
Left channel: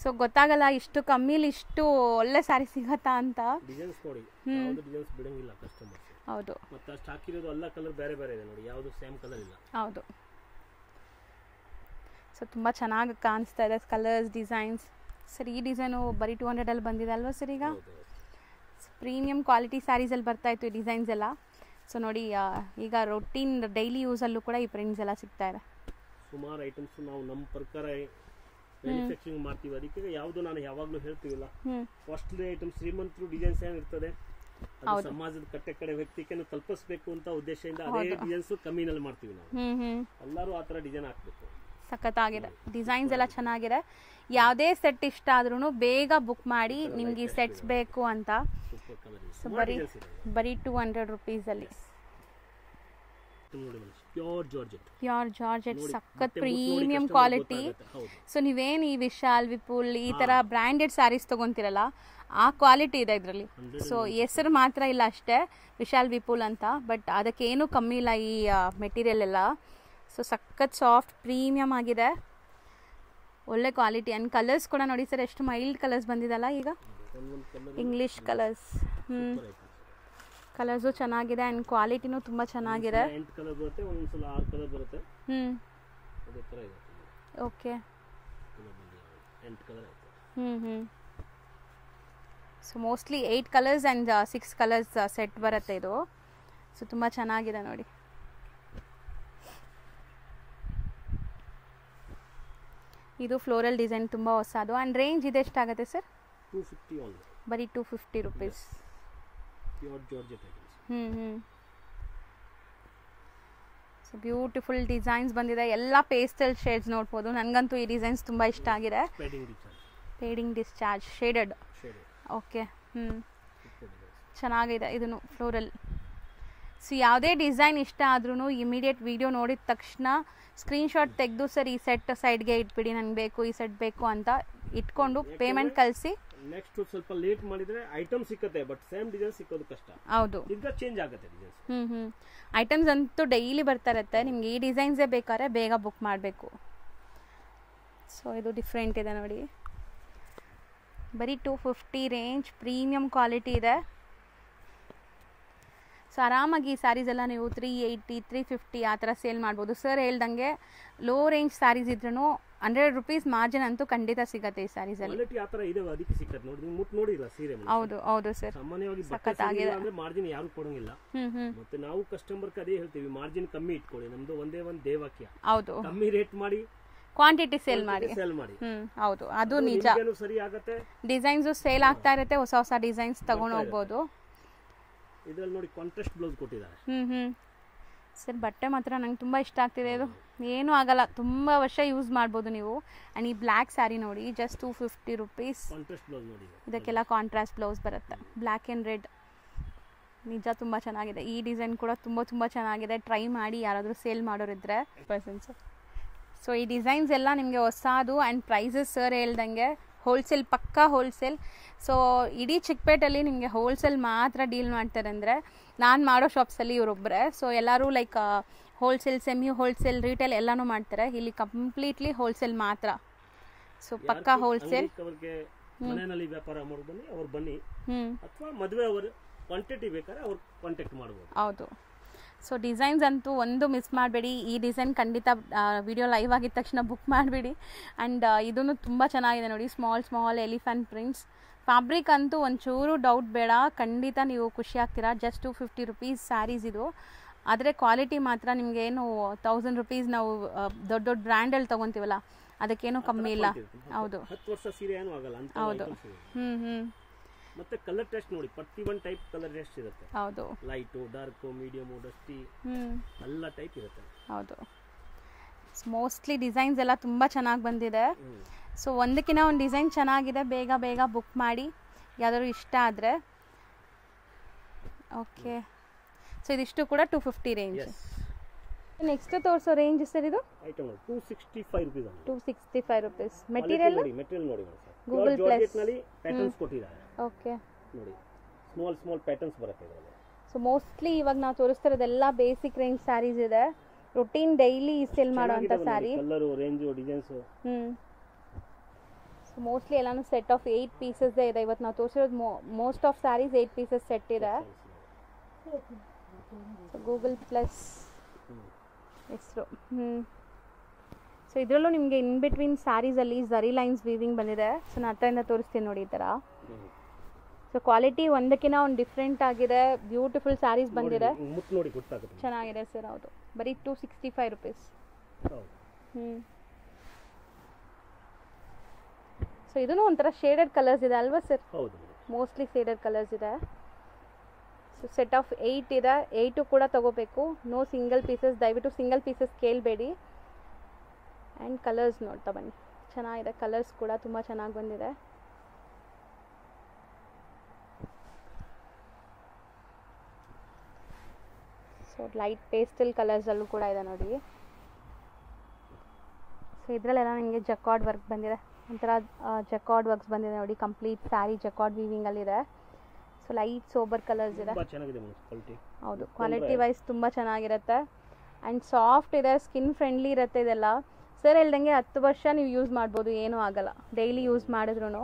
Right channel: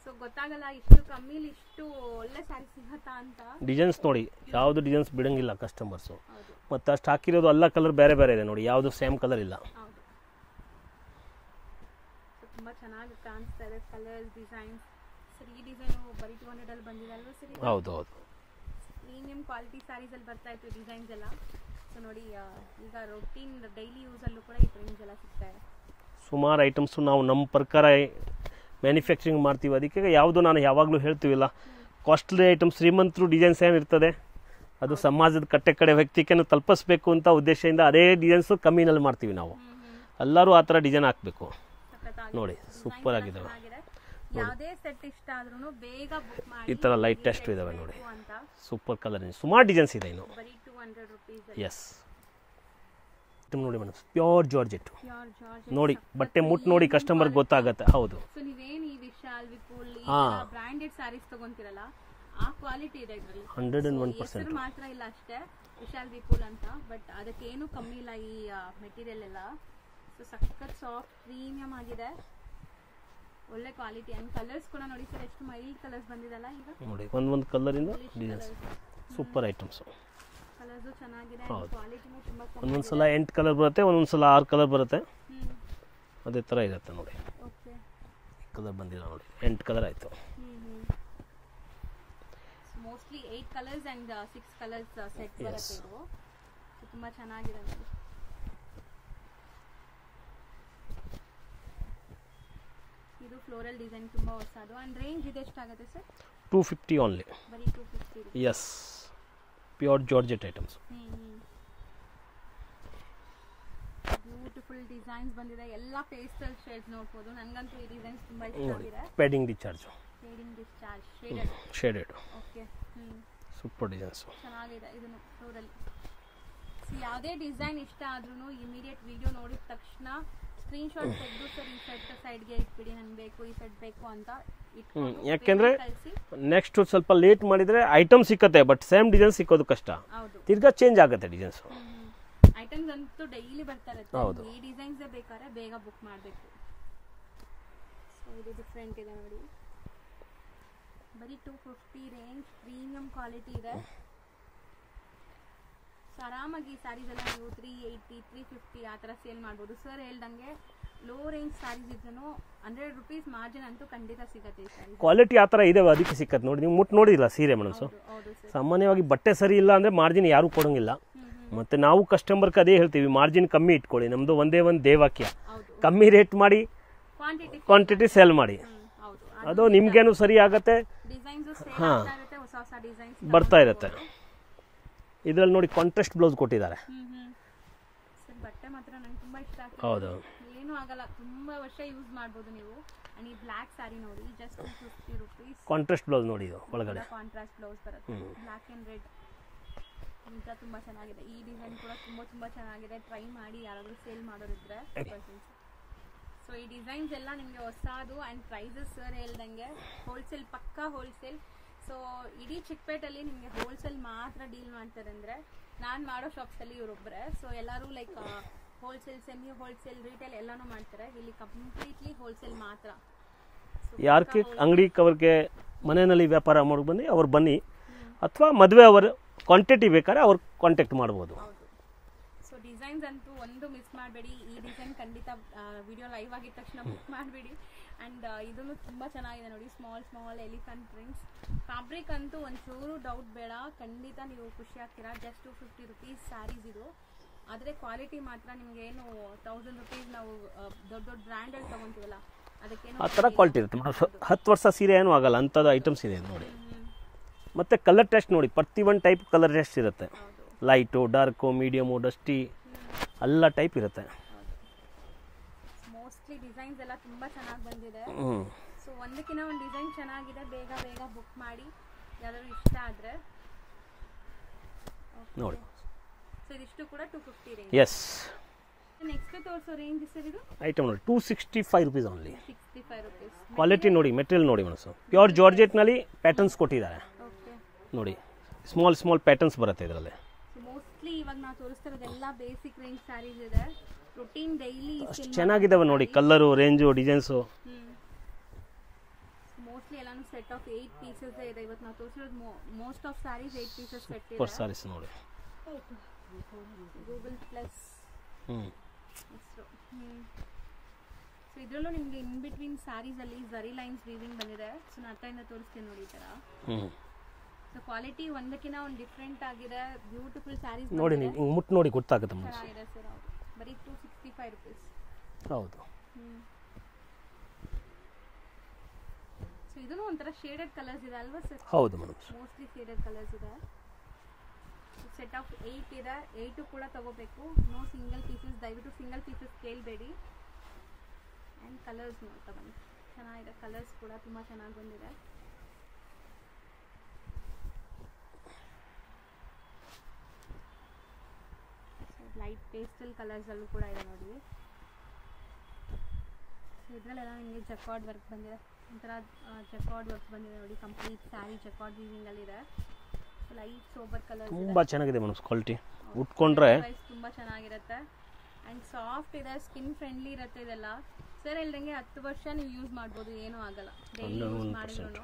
ಸೊ ಗೊತ್ತಾಗಲ್ಲ ಇಷ್ಟು ಕಮ್ಮಿಲಿ ಇಷ್ಟು ಒಳ್ಳೆ ಸ್ಯಾರಿ ಸಿಗತ್ತಾ ಅಂತ. ಡಿಸೈನ್ಸ್ ನೋಡಿ, ಯಾವುದು ಡಿಸೈನ್ಸ್ ಬಿಡಂಗಿಲ್ಲ ಕಸ್ಟಮರ್ಸ್. ಹೌದು, ಮತ್ತೆ ಅಷ್ಟು ಹಾಕಿರೋದು ಎಲ್ಲ ಕಲರ್ ಬೇರೆ ಬೇರೆ ಇದೆ ನೋಡಿ, ಯಾವುದು ಸೇಮ್ ಕಲರ್ ಇಲ್ಲ. ಹೌದು. ಸೊ ತುಂಬ ಚೆನ್ನಾಗಿ ಕಾಣಿಸ್ತಾ ಇದೆ ಕಲರ್ಸ್, ಡಿಸೈನ್ಸ್. ಸರ್ ಈ ಡಿಸೈನು ಬರೀ 200 ಅಲ್ಲಿ ಬಂದಿದೆ ಅಲ್ವಾ ಸರ್? ಈಗ ಹೌದು ಹೌದು, ಪ್ರೀಮಿಯಂ ಕ್ವಾಲಿಟಿ ಸ್ಯಾರೀಸಲ್ಲಿ ಬರ್ತಾ ಇತ್ತು ಈ ಡಿಸೈನ್ಸ್ ಎಲ್ಲ. ಸೊ ನೋಡಿ ಈಗ ರೊಟೀನ್ ಡೈಲಿ ಯೂಸಲ್ಲೂ ಕೂಡ ಈ ಪ್ರಿಂಟ್ಸ್ ಎಲ್ಲ ಸಿಗ್ತಾ ಇದೆ. ಸುಮಾರು ಐಟಮ್ಸು ನಾವು ನಮ್ಮ ಪ್ರಕಾರ ಮ್ಯಾನುಫ್ಯಾಕ್ಚರಿಂಗ್ ಮಾಡ್ತೀವಿ. ಅದಕ್ಕೆ ಯಾವುದು ನಾನು ಯಾವಾಗಲೂ ಹೇಳ್ತೀವಿಲ್ಲ, ಕಾಸ್ಟ್ಲಿ ಐಟಮ್ ಶ್ರೀಮಂತರು ಡಿಸೈನ್ಸ್ ಏನಿರ್ತದೆ ಅದು ಸಮಾಜದ ಕಟ್ಟೆ ಕಡೆ ವ್ಯಕ್ತಿಗೆ ತಲುಪಿಸ್ಬೇಕು ಅಂತ ಉದ್ದೇಶದಿಂದ ಅದೇ ಡಿಸೈನ್ಸ್ ಕಮ್ಮಿನಲ್ಲಿ ಮಾಡ್ತೀವಿ ನಾವು. ಎಲ್ಲರೂ ಆ ಥರ ಡಿಸೈನ್ ಹಾಕಬೇಕು. ಸಖತ್ತಾಗಿದೆ, ಡಿಸೈನ್ಸ್ ಎಲ್ಲ ಚೆನ್ನಾಗಿದೆ. ಯಾವುದೇ ಸೆಟ್ ಇಷ್ಟ ಆದ್ರೂ ಬೇಗ ಬುಕ್ ಮಾಡಿ, ಸೆಟ್ಸ್ ಬೇಕು ಅಂತ. ಸೂಪರ್ ಕಲರ್, ಸುಮಾರು ಡಿಸೈನ್ಸ್ ಇದೆ. ಬರೀ 200 ರೂಪೀಸ್ ಅಲ್ಲಿ. ಎಸ್ ನೋಡಿ madam, pure georgette. Pure georgette ನೋಡಿ, ಬಟ್ಟೆ ಮುಟ್ಟು ನೋಡಿ ಕಸ್ಟಮರ್ ಗೊತ್ತಾಗುತ್ತೆ. ಹೌದು. ಸೊ ನೀವೇನು ಈ ವಿಶಾಲ್, ವಿಪುಲ್ ಈ ತರ ಬ್ರಾಂಡೆಡ್ ಸ್ಯಾರೀಸ್ ತಗೊಂತಿರಲ್ಲ, ಆ ಕ್ವಾಲಿಟಿ ಇದೆ ಇದರಲ್ಲಿ. ಸೊ ಹೆಸರು ಮಾತ್ರ ಇಲ್ಲ ಅಷ್ಟೇ, ವಿಶಾಲ್ ವಿಪುಲ್ ಅಂತ, ಬಟ್ ಅದಕ್ಕೇನು ಕಮ್ಮಿ ಇಲ್ಲ ಈ ಮೆಟೀರಿಯಲ್ ಎಲ್ಲ. ಸೊ ಸಖತ್ ಸಾಫ್ಟ್ ಪ್ರೀಮಿಯಂ ಆಗಿದೆ, ಒಳ್ಳೆ ಕ್ವಾಲಿಟಿ. ಅಂಡ್ ಕಲರ್ಸ್ ಕೂಡ ನೋಡಿ ಸರ್, ಎಷ್ಟು ಮೈಲ್ಡ್ ಕಲರ್ಸ್ ಬಂದಿದಲ್ಲ ಈಗ. ನೋಡಿ ಒಂದೊಂದು colour English colours, super items. Colours ಚೆನ್ನಾಗಿದೆ ಅಂಡ್ ಕ್ವಾಲಿಟಿನೂ ತುಂಬಾ ಚೆನ್ನಾಗಿದೆ. ಒಂದೊಂದ್ಸಲ 8 ಕಲರ್ ಬರುತ್ತೆ, ಒಂದೊಂದ್ಸಲ 6 ಕಲರ್ ಬರುತ್ತೆ. ಅದೇ ತರ ಇರುತ್ತೆ ನೋಡಿ. ಓಕೆ, ಕಲರ್ ಬಂದಿದೆ ನೋಡಿ, 8 ಕಲರ್ ಆಯ್ತು. So mostly 8 colours and 6 colours set ಬರುತ್ತೆ ಇದು. ಸೊ ತುಂಬಾ ಚೆನ್ನಾಗಿದೆ ನೋಡಿ. ಇದು ಫ್ಲೋರಲ್ ಡಿಸೈನ್ ತುಂಬಾ ಹೊಸದು. ಅಂಡ್ ರೇಂಜ್ ಇದೆ ಎಷ್ಟಾಗುತ್ತೆ ಸರ್? 250 ಓನ್ಲಿ. ಬರೀ 250 ರೂಪಾಯಿ. Yes, pure georgette items. Beautiful designs ಬಂದಿದೆ, ಎಲ್ಲ ಪೇಸ್ಟಲ್ ಶೇಡ್ಸ್ ನೋಡ್ಬೋದು. ನನಗಂತೂ ಈ ಡಿಸೈನ್ಸ್ ತುಂಬಾ ಇಷ್ಟ ಆಗಿದೆ. Padding discharge shaded. Okay, super designs, ಚೆನ್ನಾಗಿದೆ. ಇದನ್ನು ಫ್ಲೋರಲ್. ಸೊ ಯಾವುದೇ ಡಿಸೈನ್ ಇಷ್ಟ ಆದ್ರೂ ಇಮಿಡಿಯೇಟ್ ವಿಡಿಯೋ ನೋಡಿದ ತಕ್ಷಣ ಸ್ಕ್ರೀನ್ಶಾಟ್ ತೆಗೆದು ಸರ್ ಈ ಸೆಟ್ ಸೈಡ್ಗೆ ಇಟ್ಬಿಡಿ, ನಂಗೆ ಬೇಕು ಈ ಸೆಟ್ ಬೇಕು ಅಂತ ಇಟ್ಕೊಂಡು ಪೇಮೆಂಟ್ ಕಳಿಸಿ. ನೆಕ್ಸ್ಟ್ ಸ್ವಲ್ಪ ಲೇಟ್ ಮಾಡಿದ್ರೆ ಐಟಮ್ ಸಿಕ್ಕತ್ತೆ, ಬಟ್ ಸೇಮ್ ಡಿಸೈನ್ ಸಿಕ್ಕೋದು ಕಷ್ಟ. ಹೌದು, ತಿರ್ಗಾ ಚೇಂಜ್ ಆಗುತ್ತೆ ಡಿಸೈನ್ಸ್. ಐಟಮ್ಸ್ ಅಂತೂ ಡೈಲಿ ಬರ್ತಾ ಇರುತ್ತೆ. ನಿಮ್ಗೆ ಈ ಡಿಸೈನ್ಸೇ ಬೇಕಾದ್ರೆ ಬೇಗ ಬುಕ್ ಮಾಡಬೇಕು. ಸೊ ಇದು ಡಿಫ್ರೆಂಟ್ ಇದೆ ನೋಡಿ, ಬರೀ 250 ರೇಂಜ್, ಪ್ರೀಮಿಯಂ ಕ್ವಾಲಿಟಿ ಇದೆ. ಸೊ ಆರಾಮಾಗಿ ಈ ಸ್ಯಾರೀಸ್ ಎಲ್ಲ ನೀವು 380, 350 ಆ ಥರ ಸೇಲ್ ಮಾಡ್ಬೋದು. ಸರ್ ಹೇಳ್ದಂಗೆ ಲೋ ರೇಂಜ್ ಸ್ಯಾರೀಸ್ ಇದ್ರೂ 100 ರೂಪೀಸ್ ಮಾರ್ಜಿನ್ ಅಂತೂ ಖಂಡಿತ ಸಿಗುತ್ತೆ ಈ ಸ್ಯಾರೀಸ್. ಕ್ವಾಲಿಟಿ ಆ ಥರ ಇದೆ, ಅದಕ್ಕೆ ಸಿಕ್ಕತ್ತೆ ನೋಡಿ. ನೀವು ಮುಟ್ಟು ನೋಡಿಲ್ಲ ಸೀರೆ ಮೇಡಮ್? ಹೌದು ಹೌದು ಸರ್. ಸಾಮಾನ್ಯವಾಗಿ ಬಟ್ಟೆ ಸರಿ ಇಲ್ಲ ಅಂದ್ರೆ ಮಾರ್ಜಿನ್ ಯಾರು ಕೊಡೋಂಗಿಲ್ಲ. ಮತ್ತೆ ನಾವು ಕಸ್ಟಮರ್ಗೆ ಅದೇ ಹೇಳ್ತೀವಿ, ಮಾರ್ಜಿನ್ ಕಮ್ಮಿ ಇಟ್ಕೊಳ್ಳಿ. ನಮ್ದು ಒಂದೇ ಒಂದು ದೇವಾಕ್ಯ, ಕಮ್ಮಿ ರೇಟ್ ಮಾಡಿ ಕ್ವಾಂಟಿಟಿ ಸೇಲ್ ಮಾಡಿ. ಹೌದು, ಅದು ನಿಮ್ಗೇನು ಸರಿ ಆಗತ್ತೆ. ಡಿಸೈನ್ಸ್ ಸೇಲ್ ಆಗ್ತಾ ಇರುತ್ತೆ, ಹೊಸ ಹೊಸ ಡಿಸೈನ್ಸ್ ಬರ್ತಾ ಇರುತ್ತೆ. ಇದ್ರಲ್ಲಿ ನೋಡಿ ಕಾಂಟ್ರಾಸ್ಟ್ ಬ್ಲೌಸ್ ಕೊಟ್ಟಿದ್ದಾರೆ. ಸರ್ ಬಟ್ಟೆ ಮಾತ್ರ ನಂಗೆ ತುಂಬಾ ಇಷ್ಟ ಆಗ್ತಿದೆ. ಇದು ಏನು ಆಗಲ್ಲ, ತುಂಬಾ ವರ್ಷ ಯೂಸ್ ಮಾಡ್ಬೋದು ನೀವು. ಅಂಡ್ ಈ ಬ್ಲ್ಯಾಕ್ ಸ್ಯಾರಿ ನೋಡಿ, ಜಸ್ಟ್ 250 ರೂಪೀಸ್. ಕಾಂಟ್ರಾಸ್ಟ್ ಬ್ಲೌಸ್ ನೋಡಿ, ಇದಕ್ಕೆಲ್ಲ ಕಾಂಟ್ರಾಸ್ಟ್ ಬ್ಲೌಸ್ ಬರುತ್ತೆ, ಬ್ಲ್ಯಾಕ್ ಅಂಡ್ ರೆಡ್. ನಿಜ ತುಂಬಾ ಚೆನ್ನಾಗಿದೆ. ಈ ಡಿಸೈನ್ ಕೂಡ ತುಂಬಾ ಚೆನ್ನಾಗಿದೆ. ಟ್ರೈ ಮಾಡಿ ಯಾರಾದರೂ ಸೇಲ್ ಮಾಡೋರಿದ್ರೆ ಪರ್ಸನ್ಸ್. ಸೊ ಈ ಡಿಸೈನ್ಸ್ ಎಲ್ಲ ನಿಮಗೆ ಹೊಸದು. ಆ್ಯಂಡ್ ಪ್ರೈಸಸ್ ಸರ್ ಹೇಳ್ದಂಗೆ ಹೋಲ್ಸೇಲ್, ಪಕ್ಕಾ ಹೋಲ್ಸೇಲ್. ಸೊ ಇಡೀ ಚಿಕ್ಕಪೇಟಲ್ಲಿ ನಿಮಗೆ ಹೋಲ್ಸೇಲ್ ಮಾತ್ರ ಡೀಲ್ ಮಾಡ್ತಾರೆ. ಅಂದರೆ ನಾನು ಮಾಡೋ ಶಾಪ್ಸಲ್ಲಿ ಇವರೊಬ್ಬರೇ. ಸೊ ಎಲ್ಲರೂ like wholesale, semi wholesale, retail ಎಲ್ಲನೂ ಮಾಡ್ತಾರೆ. ಇಲ್ಲಿ ಕಂಪ್ಲೀಟ್ಲಿ ಹೋಲ್ಸೇಲ್ ಮಾತ್ರ. ಸೊ ಅಂಗಡಿ ಕವರ್ಗೆ ಮನೆಯಲ್ಲಿ ವ್ಯಾಪಾರ ಮಾಡಿ ಬನ್ನಿ, ಅವ್ರು ಬನ್ನಿ. ಅಥವಾ ಮದುವೆ ಅವರು ಕ್ವಾಂಟಿಟಿ ಬೇಕಾದ್ರೆ ಅವ್ರು ಕಾಂಟ್ಯಾಕ್ಟ್ ಮಾಡ್ಬೋದು. ಹೌದು. ಸೊ ಡಿಸೈನ್ಸ್ ಅಂತೂ ಒಂದು ಮಿಸ್ ಮಾಡಬೇಡಿ. ಈ ಡಿಸೈನ್ ಖಂಡಿತ ವಿಡಿಯೋ ಲೈವ್ ಆಗಿದ ತಕ್ಷಣ ಬುಕ್ ಮಾಡಿಬಿಡಿ. ಆ್ಯಂಡ್ ಇದನ್ನು ತುಂಬ ಚೆನ್ನಾಗಿದೆ ನೋಡಿ, ಸ್ಮಾಲ್ ಎಲಿಫೆಂಟ್ ಪ್ರಿಂಟ್ಸ್. ಫ್ಯಾಬ್ರಿಕ್ ಅಂತೂ ಒಂಚೂರು ಡೌಟ್ ಬೇಡ, ಖಂಡಿತ ನೀವು ಖುಷಿ ಆಗ್ತೀರಾ. ಜಸ್ಟ್ 250 ರೂಪೀಸ್ ಸ್ಯಾರೀಸ್ ಇದು. ಆದರೆ ಕ್ವಾಲಿಟಿ ಮಾತ್ರ ನಿಮಗೆ ಏನು 1000 ರೂಪೀಸ್ ನಾವು ದೊಡ್ಡ ಬ್ರ್ಯಾಂಡಲ್ಲಿ ತೊಗೊತೀವಲ್ಲ ಅದಕ್ಕೇನು ಕಮ್ಮಿ ಇಲ್ಲ. 10 ವರ್ಷ ಸೀರೆ ಏನೂ ಆಗಲ್ಲ ಅಂಥದ್ದು ಐಟಮ್ಸ್ ಇದೆ. ಮತ್ತೆ ಕಲರ್ ಟೆಸ್ಟ್ ನೋಡಿ, ಪ್ರತಿ ಒಂದು ಟೈಪ್ ಕಲರ್ ಟೆಸ್ಟ್ ಇರುತ್ತೆ. ಹೌದು, ಲೈಟು, ಡಾರ್ಕು, ಮೀಡಿಯಮು, ಡಸ್ಟಿ ಎಲ್ಲ ಟೈಪ್ ಇರುತ್ತೆ. ಹೌದು. ಮೋಸ್ಟ್ಲಿ ಡಿಸೈನ್ಸ್ ಎಲ್ಲ ತುಂಬ ಚೆನ್ನಾಗಿ ಬಂದಿದೆ. ಸೊ ಒಂದಕ್ಕಿಂತ ಒಂದು ಡಿಸೈನ್ ಚೆನ್ನಾಗಿದೆ, ಬೇಗ ಬೇಗ ಬುಕ್ ಮಾಡಿ ಯಾವ್ದಾದ್ರು ಇಷ್ಟ ಆದರೆ. ಓಕೆ, ಸೊ ಇದಿಷ್ಟು ಕೂಡ 250 ರೇಂಜ್. ಎಸ್. ನೆಕ್ಸ್ಟ್ ತೋರಿಸೋ ರೇಂಜ್ ಸರ್ ಇದು ಐಟಮ್ ನೋಡಿ 265 rupees ಓನ್ಲಿ. 265 rupees. ಕ್ವಾಲಿಟಿ ನೋಡಿ, ಮೆಟೀರಿಯಲ್ ನೋಡಿ ಮನಸ್ಸು, ಪ್ಯೂರ್ ಜಾರ್ಜೆಟ್ ನಲ್ಲಿ ಪ್ಯಾಟರ್ನ್ಸ್ ಕೊಟ್ಟಿದ್ದಾರೆ. ಓಕೆ, ನೋಡಿ ಸ್ಮಾಲ್ ಸ್ಮಾಲ್ ಪ್ಯಾಟರ್ನ್ಸ್ ಬರುತ್ತೆ ಇದರಲ್ಲಿ. ಸೊ ಮೋಸ್ಟ್ಲಿ ಇವಾಗ ನಾವು ತೋರಿಸ್ತಿರೋದೆಲ್ಲ ಬೇಸಿಕ್ ರೇಂಜ್ ಸ್ಯಾರೀಸ್ ಇದೆ, ರೂಟೀನ್ ಡೈಲಿ ಸೇಲ್ ಚೆನ್ನಾಗಿದಾವೆ ನೋಡಿ, colour, range, designs. So mostly ಎಲ್ಲಾನು ಸೆಟ್ ಆಫ್ 8 ಪೀಸಸ್ ಇದೆ. ಇವತ್ತು ನಾವು ತೋರಿಸಿರೋದು most of sarees 8 pieces set ಇದೆ. ಸ್ಯಾರೀಸ್ ನೋಡಿ, ಗೂಗಲ್ ಪ್ಲಸ್ ಹೆಸರು. ಸೊ ಇದರಲ್ಲೂ ನಿಮಗೆ ಇನ್ ಬಿಟ್ವೀನ್ ಸ್ಯಾರೀಸಲ್ಲಿ ಝರಿ ಲೈನ್ಸ್ ವೀವಿಂಗ್ ಬಂದಿದೆ. ಸೊ ನಾನು ಹತ್ತಿರದಿಂದ ತೋರಿಸ್ತೀನಿ ನೋಡಿ ಈ ಥರ. ಸೊ ಕ್ವಾಲಿಟಿ ಒಂದಕ್ಕಿಂತ ಒಂದು ಡಿಫ್ರೆಂಟ್ ಆಗಿದೆ, ಬ್ಯೂಟಿಫುಲ್ ಸ್ಯಾರೀಸ್ ಬಂದಿದೆ. ಮುಟ್ಟು ನೋಡಿ ಗೊತ್ತಾಗುತ್ತೆ, ಚೆನ್ನಾಗಿದೆ ಸರ್. ಹೌದು, ಬರೀ 265 rupees. ಹೌದು. ಸೊ ಇದೂ ಒಂಥರ ಶೇಡೆಡ್ ಕಲರ್ಸ್ ಇದೆ ಅಲ್ವಾ ಸರ್? ಹೌದು ಮೇಡಮ್, ಮೋಸ್ಟ್ಲಿ ಶೇಡೆಡ್ ಕಲರ್ಸ್ ಇದೆ. ಸೊ ಸೆಟ್ ಆಫ್ 8 ಇದೆ, 8 ಕೂಡ ತಗೋಬೇಕು. ನೋ ಸಿಂಗಲ್ ಪೀಸಸ್, ದಯವಿಟ್ಟು ಸಿಂಗಲ್ ಪೀಸಸ್ ಕೇಳಬೇಡಿ. ಆ್ಯಂಡ್ ಕಲರ್ಸ್ ನೋಡ್ತಾ ಬನ್ನಿ, ಚೆನ್ನಾಗಿದೆ. ಕಲರ್ಸ್ ಕೂಡ ತುಂಬ ಚೆನ್ನಾಗಿ ಬಂದಿದೆ. ಸೊ ಲೈಟ್ ಪೇಸ್ಟಲ್ ಕಲರ್ಸಲ್ಲೂ ಕೂಡ ಇದೆ ನೋಡಿ. ಸೊ ಇದರಲ್ಲೆಲ್ಲ ನಿಮಗೆ ಜಕಾರ್ಡ್ ವರ್ಕ್ ಬಂದಿದೆ, ಒಂಥರ ಜಕಾರ್ಡ್ ವರ್ಕ್ಸ್ ಬಂದಿದೆ ನೋಡಿ. ಕಂಪ್ಲೀಟ್ ಸ್ಯಾರಿ ಜಕಾರ್ಡ್ ವೀವಿಂಗಲ್ಲಿದೆ. ಸೊ ಲೈಟ್ ಸೋಬರ್ ಕಲರ್ಸ್ ಇದೆ, ತುಂಬಾ ಚೆನ್ನಾಗಿದೆ ಮೇಡಮ್. ಕ್ವಾಲಿಟಿ ಉಟ್ಕೊಂಡ್ರೆ ವೈಸ್ ತುಂಬಾ ಚೆನ್ನಾಗಿರುತ್ತೆ. ಆ್ಯಂಡ್ ಸಾಫ್ಟ್ ಇದೆ, ಸ್ಕಿನ್ ಫ್ರೆಂಡ್ಲಿ ಇರುತ್ತೆ ಇದೆಲ್ಲ. ಸರ್ ಹೇಳ್ದಂಗೆ 10 ವರ್ಷ ನೀವು ಯೂಸ್ ಮಾಡ್ಬೋದು, ಏನೂ ಆಗಲ್ಲ ಡೈಲಿ ಯೂಸ್ ಮಾಡಿದ್ರು.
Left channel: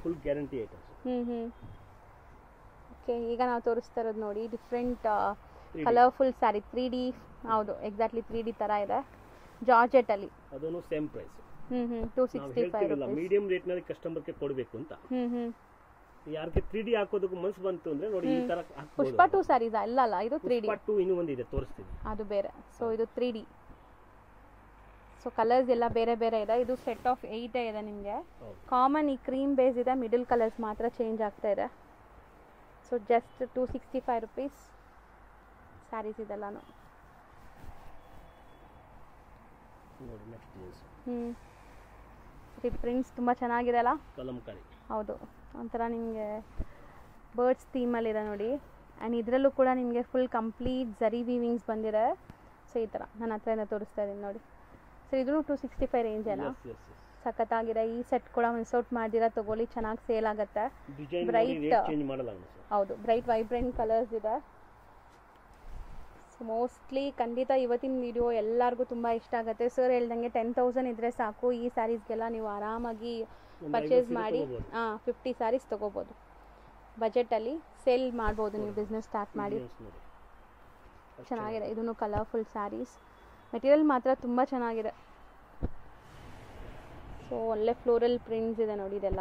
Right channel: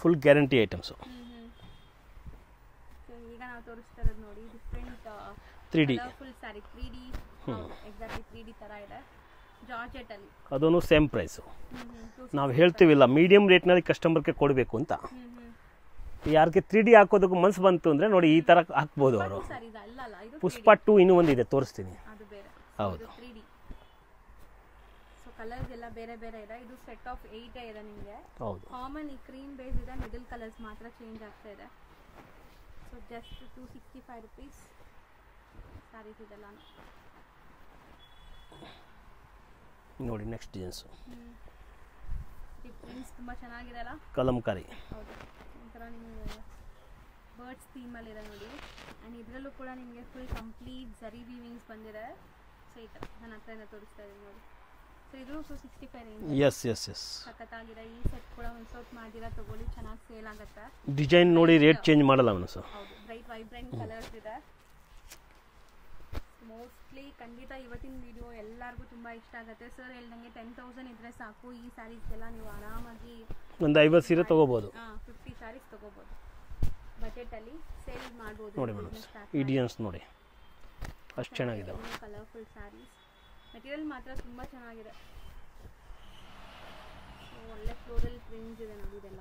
Full guarantee items. ಓಕೆ, ಈಗ ನಾವು ತೋರಿಸ್ತಾ ಇರೋದು ನೋಡಿ ಡಿಫ್ರೆಂಟ್ ಕಲರ್ಫುಲ್ ಸ್ಯಾರಿ 3D. ಹೌದು, ಎಕ್ಸಾಕ್ಟ್ಲಿ 3D ಥರ ಇದೆ, ಜಾರ್ಜೆಟ್ ಅಲ್ಲಿ. ಅದನ್ನು ಸೇಮ್ ಪ್ರೈಸ್. ನಾವು ಹೇಳ್ತೀವಿಲ್ಲ ಮೀಡಿಯಂ ರೇಟ್ನಲ್ಲಿ ಕಸ್ಟಮರ್ಗೆ ಕೊಡಬೇಕು ಅಂತ. ಯಾರಿಗೆ 3D ಹಾಕೋದಕ್ಕೆ ಮನ್ಸು ಬಂತು ಅಂದ್ರೆ ನೋಡಿ ಈ ತರ ಹಾಕ್ಬೋದು. ಪುಷ್ಪ 2 ಸ್ಯಾರೀಸ್ ಅಲ್ಲ, ಇದು ಪುಷ್ಪ 2 ಇನ್ನೂ ಒಂದಿದೆ, ತೋರಿಸ್ತೀನಿ, ಅದು ಬೇರೆ. ಸೊ ಇದು 3D. ಸೊ ಕಲರ್ಸ್ ಎಲ್ಲ ಬೇರೆ ಬೇರೆ ಇದೆ. ಇದು ಸೆಟ್ ಆಫ್ 8 ಇದೆ ನಿಮಗೆ. ಕಾಮನ್ ಈ ಕ್ರೀಮ್ ಬೇಸ್ ಇದೆ, ಮಿಡಲ್ ಕಲರ್ಸ್ ಮಾತ್ರ ಚೇಂಜ್ ಆಗ್ತಾ ಇದೆ. ಸೊ ಜಸ್ಟ್ 265 rupees ಸ್ಯಾರೀಸ್ ಇದೆಲ್ಲಾನು ನೋಡಿ. ನೆಕ್ಸ್ಟ್ ಡಿಸೈನ್ಸ್ ಪ್ರಿಂಟ್ಸ್ ತುಂಬ ಚೆನ್ನಾಗಿದೆ ಅಲ್ಲ, ಕಲಂಕಾರಿ. ಹೌದು, ಒಂಥರ ನಿಮಗೆ ಬರ್ಡ್ಸ್ ಥೀಮಲ್ಲಿದೆ ನೋಡಿ. ಆ್ಯಂಡ್ ಇದರಲ್ಲೂ ಕೂಡ ನಿಮಗೆ ಫುಲ್ ಕಂಪ್ಲೀಟ್ ಝರಿ ವೀವಿಂಗ್ಸ್ ಬಂದಿದೆ. ಸೊ ಈ ಥರ ನನ್ನ ಹತ್ರದಿಂದ ತೋರಿಸ್ತಾ ಇದ್ದೀನಿ ನೋಡಿ. ಸೊ ಇದು 265 ರೇಂಜ್. ಎಸ್ ಎಸ್ ಎಸ್, ಸಖತ್ತಾಗಿದೆ. ಈ ಸೆಟ್ ಕೂಡ ಮಿಸ್ ಔಟ್ ಮಾಡಿದಿರಾ, ತಗೊಳ್ಳಿ, ಚೆನ್ನಾಗಿ ಸೇಲ್ ಆಗುತ್ತೆ. ಡಿಸೈನ್ ನೋಡಿ, ರೇಟ್ ಚೇಂಜ್ ಮಾಡಲ್ಲ ಅವನು ಸರ್. ಹೌದು, ಬ್ರೈಟ್ ವೈಬ್ರೆಂಟ್ ಕಲರ್ಸ್ ಇದೆ. ಮೋಸ್ಟ್ಲಿ ಖಂಡಿತ ಇವತ್ತಿನ ವಿಡಿಯೋ ಎಲ್ಲರಿಗೂ ತುಂಬ ಇಷ್ಟ ಆಗುತ್ತೆ. ಸರ್ ಹೇಳ್ದಂಗೆ 10,000 ಇದ್ರೆ ಸಾಕು, ಈ ಸ್ಯಾರೀಸ್ಗೆಲ್ಲ ನೀವು ಆರಾಮಾಗಿ ಒಂದು 50 ಸೀರೆ ತಗೋಬಹುದು. 50 ಸ್ಯಾರೀಸ್ ತಗೋಬಹುದು. ಬಜೆಟಲ್ಲಿ ಸೇಲ್ ಮಾಡ್ಬೋದು, ನೀವು ಬಿಸ್ನೆಸ್ ಸ್ಟಾರ್ಟ್ ಮಾಡಿ. ನೋಡಿ, ಅಷ್ಟು ಚೆನ್ನಾಗಿದೆ. ಇದನ್ನು ಕಲರ್ಫುಲ್ ಸ್ಯಾರೀಸ್, ಮೆಟೀರಿಯಲ್ ಮಾತ್ರ ತುಂಬ ಚೆನ್ನಾಗಿದೆ. ಸೊ ಒಳ್ಳೆ ಫ್ಲೋರಲ್ ಪ್ರಿಂಟ್ಸ್ ಇದೆ ನೋಡಿ ಇದೆಲ್ಲ.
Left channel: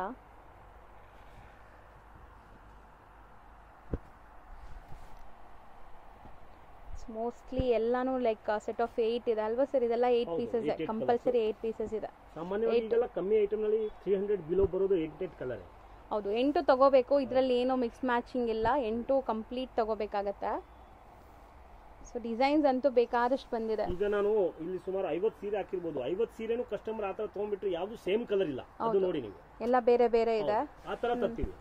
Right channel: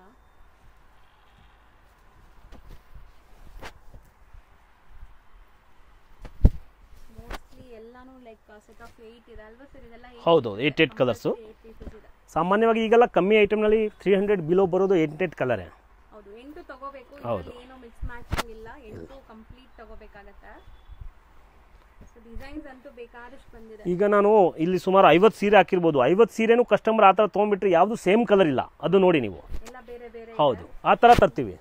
ಮೋಸ್ಟ್ಲಿ ಎಲ್ಲಾನು ಲೈಕ್ ಸೆಟ್ ಆಫ್ 8 ಇದೆ ಅಲ್ವಾ ಸರ್? ಇದೆಲ್ಲ 8 ಕಲರ್ಸ್, 8 ಪೀಸಸ್ ಇದೆ. ಸಾಮಾನ್ಯವಾಗಿ ಈಗೆಲ್ಲ ಕಮ್ಮಿ ಐಟಮ್ ನಲ್ಲಿ 300 ಬಿಲೋ ಬರೋದು 8 ಕಲರ್. ಹೌದು, 8 ತಗೋಬೇಕು. ಇದರಲ್ಲಿ ಏನೋ ಮಿಕ್ಸ್ ಮ್ಯಾಚಿಂಗ್ ಇಲ್ಲ, 8 ಕಂಪ್ಲೀಟ್ ತಗೋಬೇಕಾಗತ್ತೆ. ಸೊ ಡಿಸೈನ್ಸ್ ಅಂತೂ ಬೇಕಾದಷ್ಟು ಬಂದಿದೆ. ಈಗ ನಾನು ಇಲ್ಲಿ ಸುಮಾರು 50 ಸೀರೆ ಹಾಕಿರ್ಬೋದು. 50 ಸೀರೆನೂ ಕಸ್ಟಮರ್ ಆ ತರ ತೊಗೊಂಡ್ಬಿಟ್ರೆ ಯಾವ್ದು ಸೇಮ್ ಕಲರ್ ಇಲ್ಲ. ಅದು ನೋಡಿ ನೀವು, ಎಲ್ಲ ಬೇರೆ ಬೇರೆ ಇದೆ. ಹೌದು, ಆ ತರ ತರ್ತೀವಿ.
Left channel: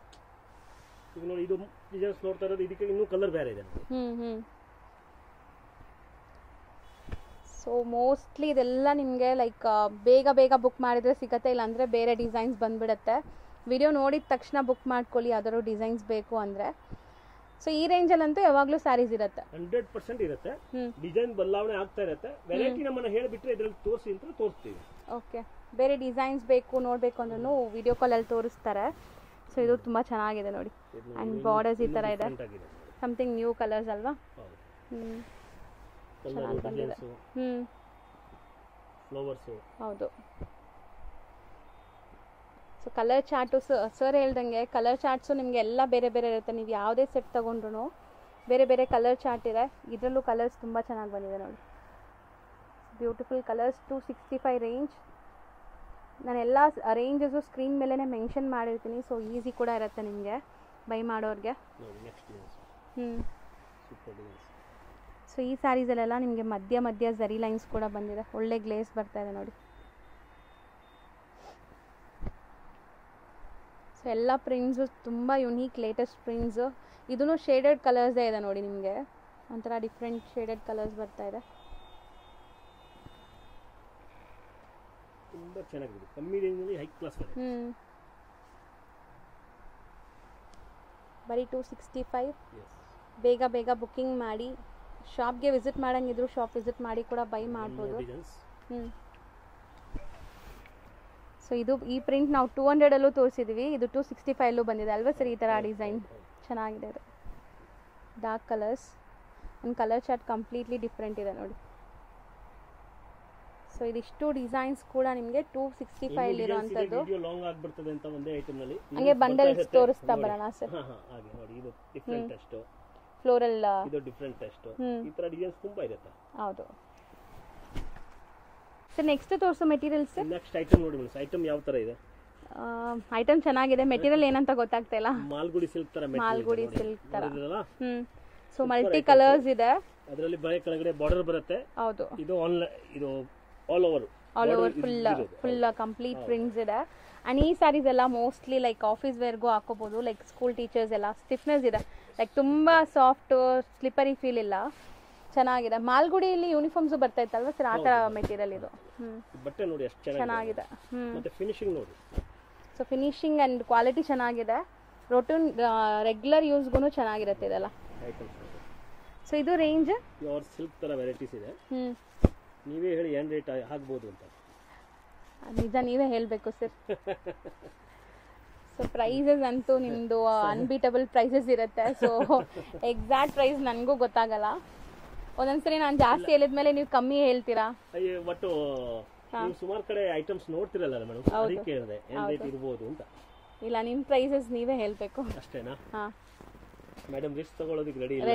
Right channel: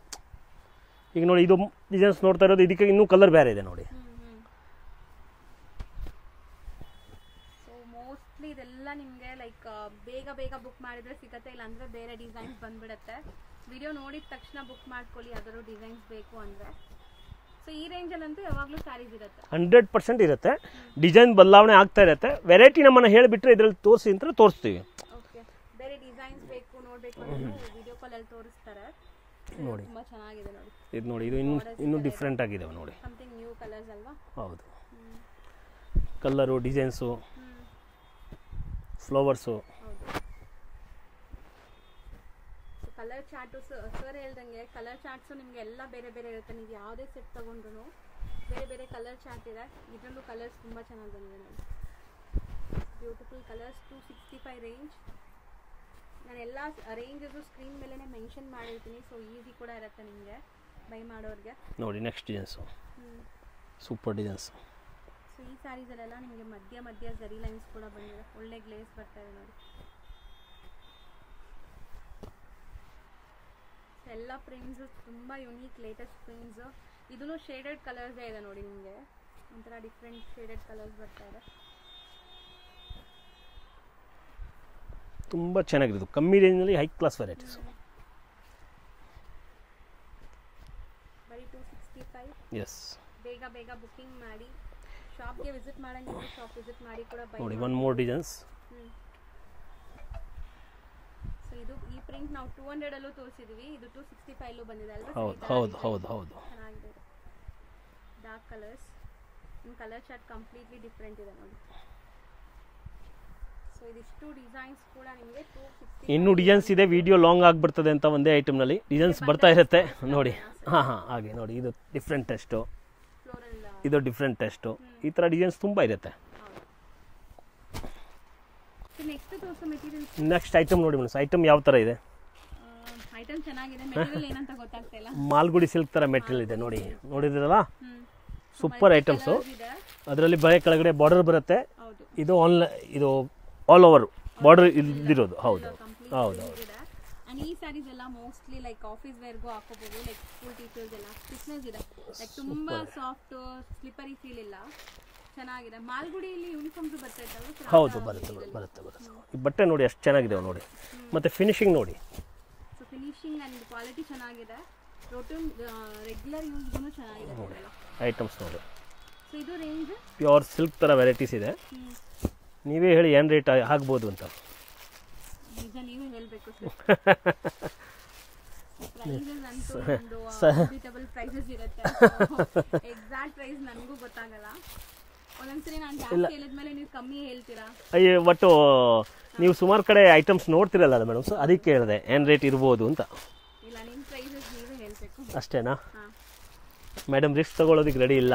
ಈಗ ನೋಡಿ ಇದು ಡಿಸೈನ್ಸ್ ನೋಡ್ತಾ ಇರೋದು, ಇದಕ್ಕೆ ಇನ್ನೂ ಕಲರ್ ಬೇರೆ ಇದೆ ನೋಡಿ. ಸೊ ಮೋಸ್ಟ್ಲಿ ಇದೆಲ್ಲ ನಿಮಗೆ ಲೈಕ್ ಬೇಗ ಬೇಗ ಬುಕ್ ಮಾಡಿದರೆ ಸಿಗತ್ತೆ, ಇಲ್ಲಾಂದರೆ ಬೇರೆ ಡಿಸೈನ್ಸ್ ಬಂದುಬಿಡುತ್ತೆ. ವಿಡಿಯೋ ನೋಡಿದ ತಕ್ಷಣ ಬುಕ್ ಮಾಡ್ಕೊಳ್ಳಿ ಯಾವ್ದಾದ್ರು ಡಿಸೈನ್ಸ್ ಬೇಕು ಅಂದರೆ. ಸೊ ಈ ರೇಂಜಲ್ಲಂತೂ ಯಾವಾಗಲೂ ಸ್ಯಾರೀಸ್ ಇರುತ್ತೆ, 100% ಇರುತ್ತೆ. ಡಿಸೈನ್ ಬದಲಾವಣೆ ಆಗ್ತಾ ಇರುತ್ತೆ. ವೆರೈಟಿ ನಮ್ಮನ್ನ ಹೇಳಿಬಿಟ್ರೆ ಇದರಲ್ಲಿ ತೋರಿಸಿ ಅಂತ ತೋರಿಸ್ತೀವಿ. ಓಕೆ, ಬೇರೆ ಡಿಸೈನ್ಸ್ ಬೇಕು ನೋಡಬೇಕು ಅಂದ್ರೂ ವಿಡಿಯೋ ಕಾಲಲ್ಲಿ ತೋರಿಸ್ತಾರೆ. ಸೊ ಇದು ತುಂಬ ಚೆನ್ನಾಗಿದೆ ನೋಡಿ. ಇದು ನೋಡಿ, ಇದು ಇನ್ನೂ ಡಿಫರೆಂಟ್ ಆಗಿದೆ ನೋಡಿ. ಸಮಥಿಂಗ್ ನ್ಯೂ ಕಲರ್ಸ್ ಅಲ್ವಾ? ಹೌದು, ಕಲರು, ಡಿಸೈನ್ಸು, ಫ್ಲವರ್ಸು. ಹೌದು. ಸೊ ಕಲರ್ ಚಾರ್ಟು ಸರ್ ಹೇಳ್ದಂಗೆ ಕಲರ್ ಚಾರ್ಟ್ಸು ನಿಮಗೆ ಎಲ್ಲ ಬೇರೆ ಬೇರೆ ಇರುತ್ತೆ. ನೀವು ಯಾವುದೇ ಸೆಟ್ ತೊಗೊಂಡ್ರು ಬೇರೆ ಬೇರೆ ಕಲರ್ ಚಾರ್ಟ್ ಇದೆ. ಇದರಲ್ಲೂ ಕಲರ್ಸ್ ತುಂಬ ಚೆನ್ನಾಗಿ ಬಂದಿದೆ ನೋಡಿ, ಬ್ಯೂಟಿಫುಲ್ ಕಲರ್ಸ್. 265 ರೇಂಜ್. ನಾನು ಎಲ್ಲ ರೇಂಜಸ್ಸು ಸ್ಕ್ರೀನ್ ಮೇಲೇ ಮೆನ್ಷನ್ ಮಾಡಿರ್ತೀನಿ, ಸೊ ಈಸಿ ಕೂಡ ಇರುತ್ತೆ ನಿಮಗೆ. ಬೈ ಮಾಡೋರಿಗೆ. ನೋಡಿ ನೆಕ್ಸ್ಟ್ ಡಿಸೈನ್ಸ್ ಹ್ಞೂ ಸೂಪರ್ ಡಿಸೈನ್ಸ್. ಸೊ ಈ ಸ್ಯಾರೀಸಲ್ಲೆಲ್ಲ ನಿಮಗೆ ಮಧ್ಯ ಮಧ್ಯ ಝರಿ ಲೈನ್ಸ್ ಕೂಡ ಬಂದಿದೆ, ಒಳ್ಳೆ ಗ್ಲೇಸ್ ಬರ್ತಾ ಇದೆ ನೋಡಿ. ಸೊ ಎಲ್ಲ ಪ್ರಿಂಟ್ಸು ತುಂಬ ಯುನೀಕ್ ಲೇಟೆಸ್ಟ್ ಪ್ರಿಂಟ್ಸು. ಇದೂ ಶೇಡೆಡ್ ಕಲರ್ಸೇ ಇದೆ ನೋಡಿ, ನಿಮಗೆ ಒಂಥರ ಡಿಫ್ರೆಂಟ್ ಶೇಡೆಡ್ ಕಲರ್ಸ್ ಬರ್ತಾ ಇದೆ. ತುಂಬ ಚೆನ್ನಾಗಿರೋದು, ಕಮ್ಮಿ ರೇಂಜ್ನಲ್ಲಿ ಹೈ ಕ್ಲಾಸ್ ವೆರೈಟೀಸ್. ಬರೀ 265. ಎಸ್, ಬೇಗ ಬೇಗ ಬುಕ್ಕಿಂಗ್ ಮಾಡಿ. ಶಾಪ್ಗೆ ವಿಸಿಟ್ ಮಾಡಂಗಿದ್ರು ಶಾಪ್ ವಿಸಿಟ್ ಮಾಡಿ ಕೂಡ ಬೈ ಮಾಡಿ. One more designs. ಸೊ ಇದು ಈ ಪ್ರಿಂಟ್ ನಾವು 200 ಅಲ್ಲೂ ತೋರಿಸಿದ್ವಿ, ಇದು 265 ಅಲ್ಲೂ ಬಂದಿದೆ ಅಲ್ವಾ ಸರ್? ಈ ಥರ ಡಿಸೈನ್ ಚೆನ್ನಾಗಿದೆ. ಅದು ಡಾರ್ಕ್ ಕಲರ್ಸ್ ಒಂದು ಕಲರ್ ಚಾರ್ಟ್ ಕಂಪ್ಲೀಟ್ಲಿ ಡಿಫ್ರೆಂಟ್ ಇದೆ ನೋಡಿ. ಸೊ ಇದಿಷ್ಟು ಡಿಸೈನ್ಸ್ ಕೂಡ ನಿಮಗೆ 265. ಇನ್ನು ಡಿಸೈನ್ಸ್ ಇದೆ, ವಿಡಿಯೋ ಲಾಂಗ್ ಆಗಿಬಿಡ್ತದೆ ಅಂತ ಒಂದೇ ಐಟಮ್ನಲ್ಲಿ ಡಿಸೈನ್ಸ್ ಬರ್ತಾ ಇರುತ್ತೆ ನೋಡಿ. ಹಾಗೆ ನೋಡಿ, ಇದು ಡಿಫ್ರೆಂಟ್ ಟೆಸ್ಟು, ಫ್ಲೋರಲ್ ಇದು ಡಿಫ್ರೆಂಟ್ ಟೆಸ್ಟು, ಈ ಥರ ಡಿಸೈನ್ಸ್ ತುಂಬ ಇರುತ್ತೆ. ಹೌದು. ನೆಕ್ಸ್ಟ್ ತೋರಿಸೋ ಮೆಟೀರಿಯಲ್ಸ್. ನೆಕ್ಸ್ಟ್ ಐಟಮ್ ನೋಡಿ ಮೇಡಮ್, ಐಟಮ್ ಯಾವ ಥರ ಇದೆ? ಐಟಮ್ ಚೆನ್ನಾಗಿದೆ, ಮೆಟೀರಿಯಲ್ ಏನಂತ ಗೊತ್ತಾಗ್ತಾ ಇಲ್ಲ. ಮಾಲ್ಗುಡಿ ಸಿಲ್ಕ್ ಥರ ಮೆಟೀರಿಯಲ್ ಇದೆ ನೋಡಿ, ನೋಡಿದ್ರಲ್ಲ? ಸೂಪರ್ ಐಟಮ್ಸ್ ಇದೆ. ಅದರಲ್ಲಿ ಬರೀ ಕೆಳಗಡೆ ಬಾರ್ಡರ್ ಬರುತ್ತೆ. ಹೌದು, ಇದು ಆಲ್ ಓವರ್ ಬಾರ್ಡರ್ ಇರೋದು. ಹೌದು, ಕಂಪ್ಲೀಟ್ ಪ್ರಿಂಟ್ಸ್ ಇದೆ. ಅಂಡ್ ಈ ಸ್ಯಾರೀಸ್ ಎಲ್ಲ ಮೋಸ್ಟ್ಲಿ ಲೈಕ್ ಆಫೀಸ್ ವೇರ್ಗೂ ಹಾಕೋಬಹುದು, ಲೈಕ್ ಸ್ಕೂಲ್ ಟೀಚರ್ಸ್ ಎಲ್ಲ. ಸ್ಟಿಫ್ನೆಸ್ ಇದೆ, ಲೈಕ್ ತುಂಬಾ ಸಾಫ್ಟ್ ಸ್ಲಿಪರಿ ಫೀಲ್ ಇಲ್ಲ, ಚೆನ್ನಾಗಿದೆ. ಮಾಲ್ಗುಡಿಯಲ್ಲಿ ಯೂನಿಫಾರ್ಮ್ಸ್ ಬರ್ತಾ ಇತ್ತಲ್ವಾ ಸರ್, ಆ ಥರ ಮೆಟೀರಿಯಲ್ ಇದು. ಬಟ್ಟೆ ನೋಡಿ ಎಷ್ಟು ಚೆನ್ನಾಗಿದೆ ನೋಡಿ, ಮತ್ತೆ ಫಿನಿಶಿಂಗ್ ನೋಡಿ. ಸೊ ಫಿನಿಶಿಂಗ್ ಅಂಡ್ ಕ್ವಾಲಿಟಿ ಚೆನ್ನಾಗಿದೆ, ರೊಟೀನ್ ರೆಗ್ಯುಲರ್ ಯೂಸ್ಗೂ ಚೆನ್ನಾಗಿರುತ್ತೆ ಇದೆಲ್ಲ ಐಟಮ್ಸ್ ನೋಡಿ. ಸೊ ಇದು ರೇಂಜ್ ಪ್ಯೂರ್ ಸಿಲ್ಕ್ ಥರ ವೆರೈಟೀಸ್ ಇದೆ. ನೀವೇ ಹೇಳಿ ಏನು ರೇಟ್ ಆಗ್ಬೋದು ಅಂತ. ನಿಜ ನೀವೇ ಹೇಳಬೇಕು ಸರ್. ಸೊ ಪ್ರೈಸಸ್ ಅಂತೂ ನಿಮ್ಮದು ಅನ್ಬೀಟಬಲ್ ಪ್ರೈಸಸ್ ಇರುತ್ತೆ. ಸೊ ಎಕ್ಸಾಕ್ಟ್ ಪ್ರೈಸ್ ನನಗೂ ಗೊತ್ತಾಗಲ್ಲ. ಒಂದೊಂದ್ಸರಿ ನಾನು ಜಾಸ್ತಿ ಹೇಳಿದ್ಮೇಲೆ ನೀವು ಕಮ್ಮಿ ಹೇಳ್ತೀರಾ. ಅಯ್ಯೋ, ಒಟ್ಟು ನೀವು ಸುಮಾರು ಕಡೆ ಐಟಮ್ಸ್ ನೋಡ್ತಿರಲ್ಲ ಮೇಡಮ್, ಸೊ ಅದಕ್ಕೆ ಹೇಳಿದೆ ಏನು ರೇಟ್ ಇರ್ಬೋದು ಅಂತ. ಇಲ್ಲ, ನಿಮ್ಮ ಪ್ರೈಸಸ್ ನೀವೇ ಹೇಳಬೇಕು ಅಷ್ಟೇನಾ? ಮೇಡಮ್ ರಿಸ್ಕ್ ತಗೊಳ್ಳೋದಕ್ಕೆ ರೆಡಿ ಇಲ್ಲ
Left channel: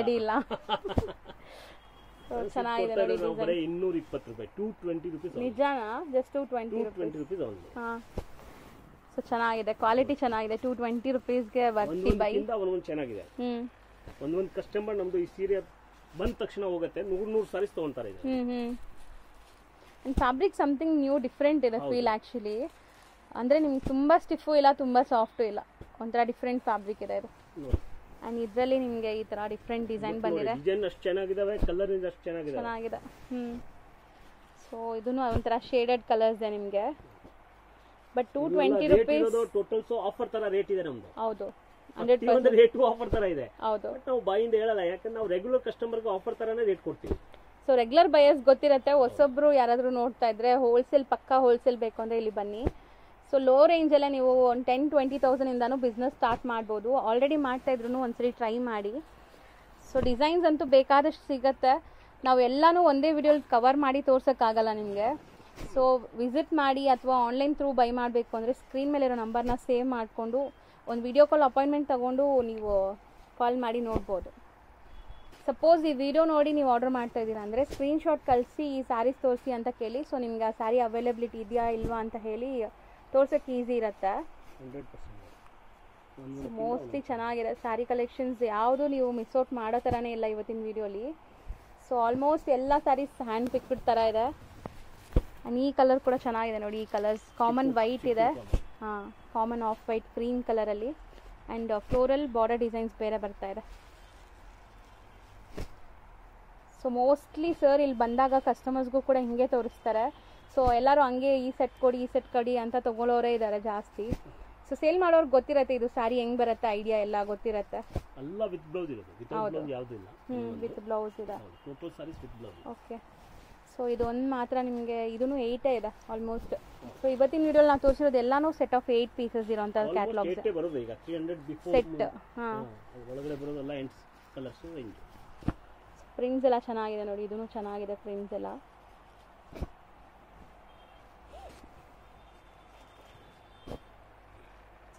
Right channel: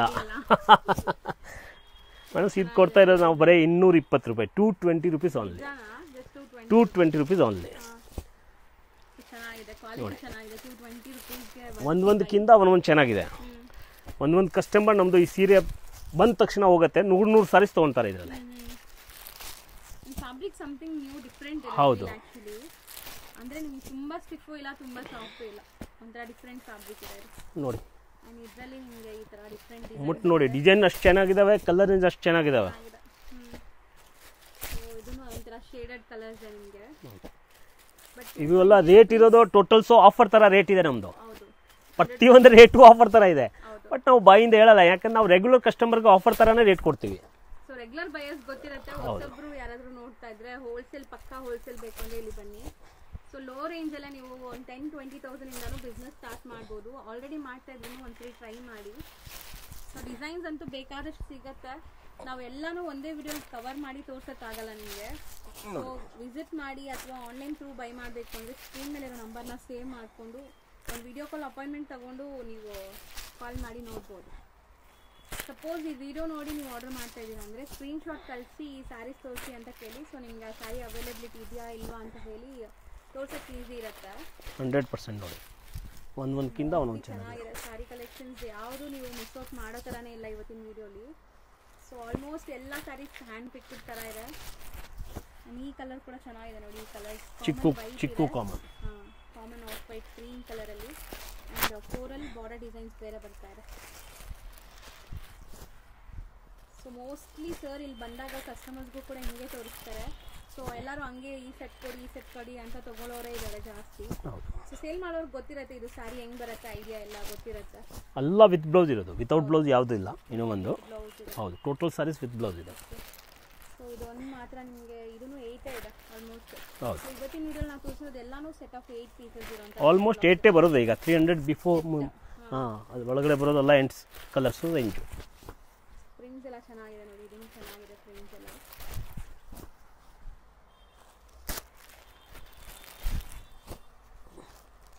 ಮೇಡಮ್. ಇದು ಕೊಡ್ತಾ ಇರೋದು ನಾವು ಬರೀ 220 ರೂಪಾಯಿ, 220 rupees only. Just 220 rupees only. So ಚೆನ್ನಾಗಿದೆ, ಕ್ವಾಲಿಟಿ ಚೆನ್ನಾಗಿದೆ. 220 ರುಪೀಸ್ಗೆ ಒಂದೊಂದಕ್ಕಿಂತ ಒಂದೊಂದು ಚೆನ್ನಾಗಿದೆ. ಒಂದೊಂದು ಕಸ್ಟಮರ್ ನಮ್ದು ಈ ಸೀರೆ ಬಂದ ತಕ್ಷಣ ಹೋಗುತ್ತೆ, 100 ಸಾರೀಸ್ ತೊಗೊಳ್ತಾರೆ ಇದರಲ್ಲಿ. ಫ್ಯಾಬ್ರಿಕ್ ಸಮಥಿಂಗ್ ನ್ಯೂ ಡಿಫ್ರೆಂಟ್ ಇದೆ ಫೀಲ್ ಆ್ಯಕ್ಚುಲಿ. ಅಂದರೆ ನಿಮ್ಗೆ ತುಂಬ ಸ್ಟಿಫು ಇಲ್ಲ, ತುಂಬ ಸಾಫ್ಟು ಇಲ್ಲ, ಒಂಥರ ಡಿಫ್ರೆಂಟ್ ಫ್ಯಾಬ್ರಿಕ್ ಇದೆ ಇದು ನೋಡಿ. ಆ್ಯಂಡ್ ಇದರಲ್ಲಿ ನಿಮಗೆ ಈ ಥರ ಡಿಫ್ರೆಂಟ್ ಡಿಸೈನ್ ನೋಡಿ, ಡಿಸೈನ್ ಅಷ್ಟು ಚೆನ್ನಾಗಿದ್ದಾವೆ, ಕಲರ್ ಅಷ್ಟು ಚೆನ್ನಾಗಿದ್ದಾವೆ. ಸೊ ಇದನ್ನು ಒಂಥರ ಶೇಡೆಡ್ ಕಲರ್ಸ್ ಇದೆ ನಿಮಗೆ. ಬಟ್ ಇವೆಲ್ಲ ರೇಟ್ ಇರೋದು ಟೋಟಲ್ಸ್ ಆಫರ್ ಥರ ರೇಟ್ ಇದೆ ನಮ್ಮದು. ಹೌದು, ಪ್ರತಿಯೊಂದು ರೇಟು ಆಫರ್ ಥರ ಇದೆ. ಹೌದು, ಬಟ್ ನಾವು ಬಾಯಿಂದ ಹೇಳಲ್ಲ, ಯಾಕಂದ್ರೆ ನಾವು ರೆಗ್ಯುಲರ್ ಕಸ್ಟಮರ್ಗೆ ಆಫರ್ ಥರನೇ ರೇಟ್ ಕೊಡ್ತೀವಿ. ಸೊ ರೆಗ್ಯುಲರ್ ಬಯರ್ಸ್ ಗೊತ್ತಿರುತ್ತೆ. ಹೊಸೊಬ್ರು ಯಾರಾದರೂ ನೋಡ್ತಾ ಇದ್ರೆ ಹೋಲ್ಸೇಲ್, ಪಕ್ಕಾ ಹೋಲ್ಸೇಲ್ ಬೇಕು ಅಂದರೆ ಇಲ್ಲಿ ಬನ್ನಿ. ಸೊ ಲೋ ರೇಂಜಲ್ಲೇ ನೀವು ಒಂದು 10-20,000 ಇಂದನೂ ಬಿಸ್ನೆಸ್ ಸ್ಟಾರ್ಟ್ ಮಾಡ್ಬೋದು. ಆಲ್ರೆಡಿ ಮಾಡ್ತಾ ಇದ್ರು ಒಂದ್ಸರಿ ಟ್ರೈ ಮಾಡಿ. ಸೊ ಡಿಸೈನ್ಸ್ ಅಂತೂ ಬೇಕಾದಷ್ಟು ಸಿಗುತ್ತೆ. ನಾವು ಎಲ್ಲನೂ ಒಂದೇ ವಿಡಿಯೋಲಿ ಕವರ್ ಮಾಡಿ ತೋರ್ಸೋಕ್ಕಾಗಲ್ಲ ನಿಮಗೆ. ಸೊ ವಿಸಿಟ್ ಮಾಡಿ ಅಥವಾ ಆನ್ಲೈನ್ ಥ್ರೂ ಬೈ ಮಾಡಬೇಕು ಅಂದರೆ ಸ್ಕ್ರೀನ್ ಮೇಲಿರೋ ನಂಬರ್ನ ಸೇವ್ ಮಾಡಿಕೊಂಡು ಒಂದು ವಿಡಿಯೋ ಕಾಲ್ ಅಪಾಯಿಂಟ್ಮೆಂಟ್ ತೊಗೊಂಡು ನೀವು ಕಾಲ್ ಮಾಡಿ ನೋಡ್ಬೋದು. ಸಪೋಸ್ ಈ ವಿಡಿಯೋ ನೋಡಿ ನೀವು ಆರ್ಡರ್ ಮಾಡ್ತಾ ಇದ್ದೀರಾ ಅಂದರೆ ಸ್ಕ್ರೀನ್ಶಾಟ್ ಕಳಿಸಿ ಈ ಸ್ಯಾರೀಸ್ ತೋರಿಸಿ ಅಂತ ಕೇಳಿ. ಸೊ ನಿಮ್ಗೆ ಆ ಸ್ಯಾರಿ ಅವೈಲಬಿಲಿಟಿ ಇದೆಯಾ ಇಲ್ವಾ ಅಂತ ಹೇಳಿ ತೋರ್ಸೋಕ್ಕೆ ಈಸಿ ಇರುತ್ತೆ. 100% ನೋಡಿ, ಒಂದು ಚೆನ್ನಾಗಿದೆ ಸ್ಯಾರಿ ಕಲೆಕ್ಷನ್ಸ್. ಯಾವುದು ನೀವು ಮಿಸ್ ಔಟ್ ಮಾಡೋ ಥರನೇ ಇಲ್ಲ ಇವತ್ತಿನ ವಿಡಿಯೋಲಿ. ಸೊ ಆಲ್ಮೋಸ್ಟ್ ಎಲ್ಲ ಸ್ಯಾರೀಸ್ ಹ್ಯಾಂಡ್ ಪಿಕ್ಡ್ ಥರ ಇದೆ. ಆ್ಯಂಡ್ ಈ ಕಲರ್ ಕೂಡ ಚೆನ್ನಾಗಿದೆ ನೋಡಿ. ಈ ಕಲರ್ಸ್ ಕಾಮನ್ ವೈಟ್ ಇದೆ, ಹಾಂ, ಕಾಮನ್ ಆಫ್ ವೈಟ್ ಕ್ರೀಮ್ ಕಲರಲ್ಲಿ. ಆ್ಯಂಡ್ ಫ್ಲೋರಲ್ ಬಾರ್ಡರ್ ಡಿಸೈನ್ಸ್ ಬೇರೆ ಬರ್ತಾ ಇದೆ. ಸೊ ಮೋಸ್ಟ್ಲಿ ಸರ್ ಇಲ್ಲಿ ಬಂದಾಗ ಕಸ್ಟಮರ್ಸ್ಗೂ ಕೂಡ ಹಿಂಗೆ ತೋರಿಸ್ತಾರೆ. ಸೊ ಎಲ್ಲರೂ ಹಂಗೆ ಈ ಸೆಟ್ ಕೊಡಿ, ಈ ಸೆಟ್ ಕೊಡಿ ಅಂತ ತೊಗೊಳ್ಳೋರೇ ಇದ್ದಾರೆ ಜಾಸ್ತಿ. ಸೊ ಸೇಲ್ ಮಾಡೋರ್ಗೆ ಗೊತ್ತಿರುತ್ತೆ ಇದು ಸ್ಯಾರಿ ಹೆಂಗೆ ಬರುತ್ತೆ, ಐಡಿಯಾ ಎಲ್ಲ ಗೊತ್ತಿರುತ್ತೆ. ಎಲ್ಲ ವಿತ್ ಬ್ಲೌಸ್ ಇರೋದು, ವಿತೌಟ್ ಬ್ಲೌಸ್ ಯಾವುದೂ ಇಲ್ಲ. ಇನ್ನೂ ಒಂದು ಬ್ಲೌಸ್ ಇದೆ, ಹೌದು, ಟೋಟಲ್ ಸ್ಯಾರೀಸ್ ವಿತ್ ಬ್ಲೌಸ್ ಇದೆ. ಓಕೆ. ಸೊ ಇದೊಂದು ಮಾತ್ರ ನಿಮಗೆ, ಇದೂ 8 ಇದೆ ಆಲ್ಮೋಸ್ಟ್. ಸೊ ಇವತ್ತಿನ ವಿಡಿಯೋಲಿ ನಾವು ತೋರಿಸಿರೋದು ಎಲ್ಲಾನು ಸೆಟ್ ಆಫ್ 8 ಪೀಸಸ್ ಇರೋಂಥ. ಆಲ್ಮೋಸ್ಟ್ 8 ಬರೋದು ಈಗ. 300 ಬಿಫೋರ್. ಅದು ಒಳಗಡೆ ಬರೋದಲ್ಲ 8 ಕಲರ್ಸು ರೇಂಜು. ಪ್ರಿಂಟ್ಸ್ ಎಲ್ಲ ಚೆನ್ನಾಗಿದೆ ನೋಡಿ, ಇದೂ ಚೆನ್ನಾಗಿದೆ ಪ್ರಿಂಟ್ಸ್ ಎಲ್ಲ.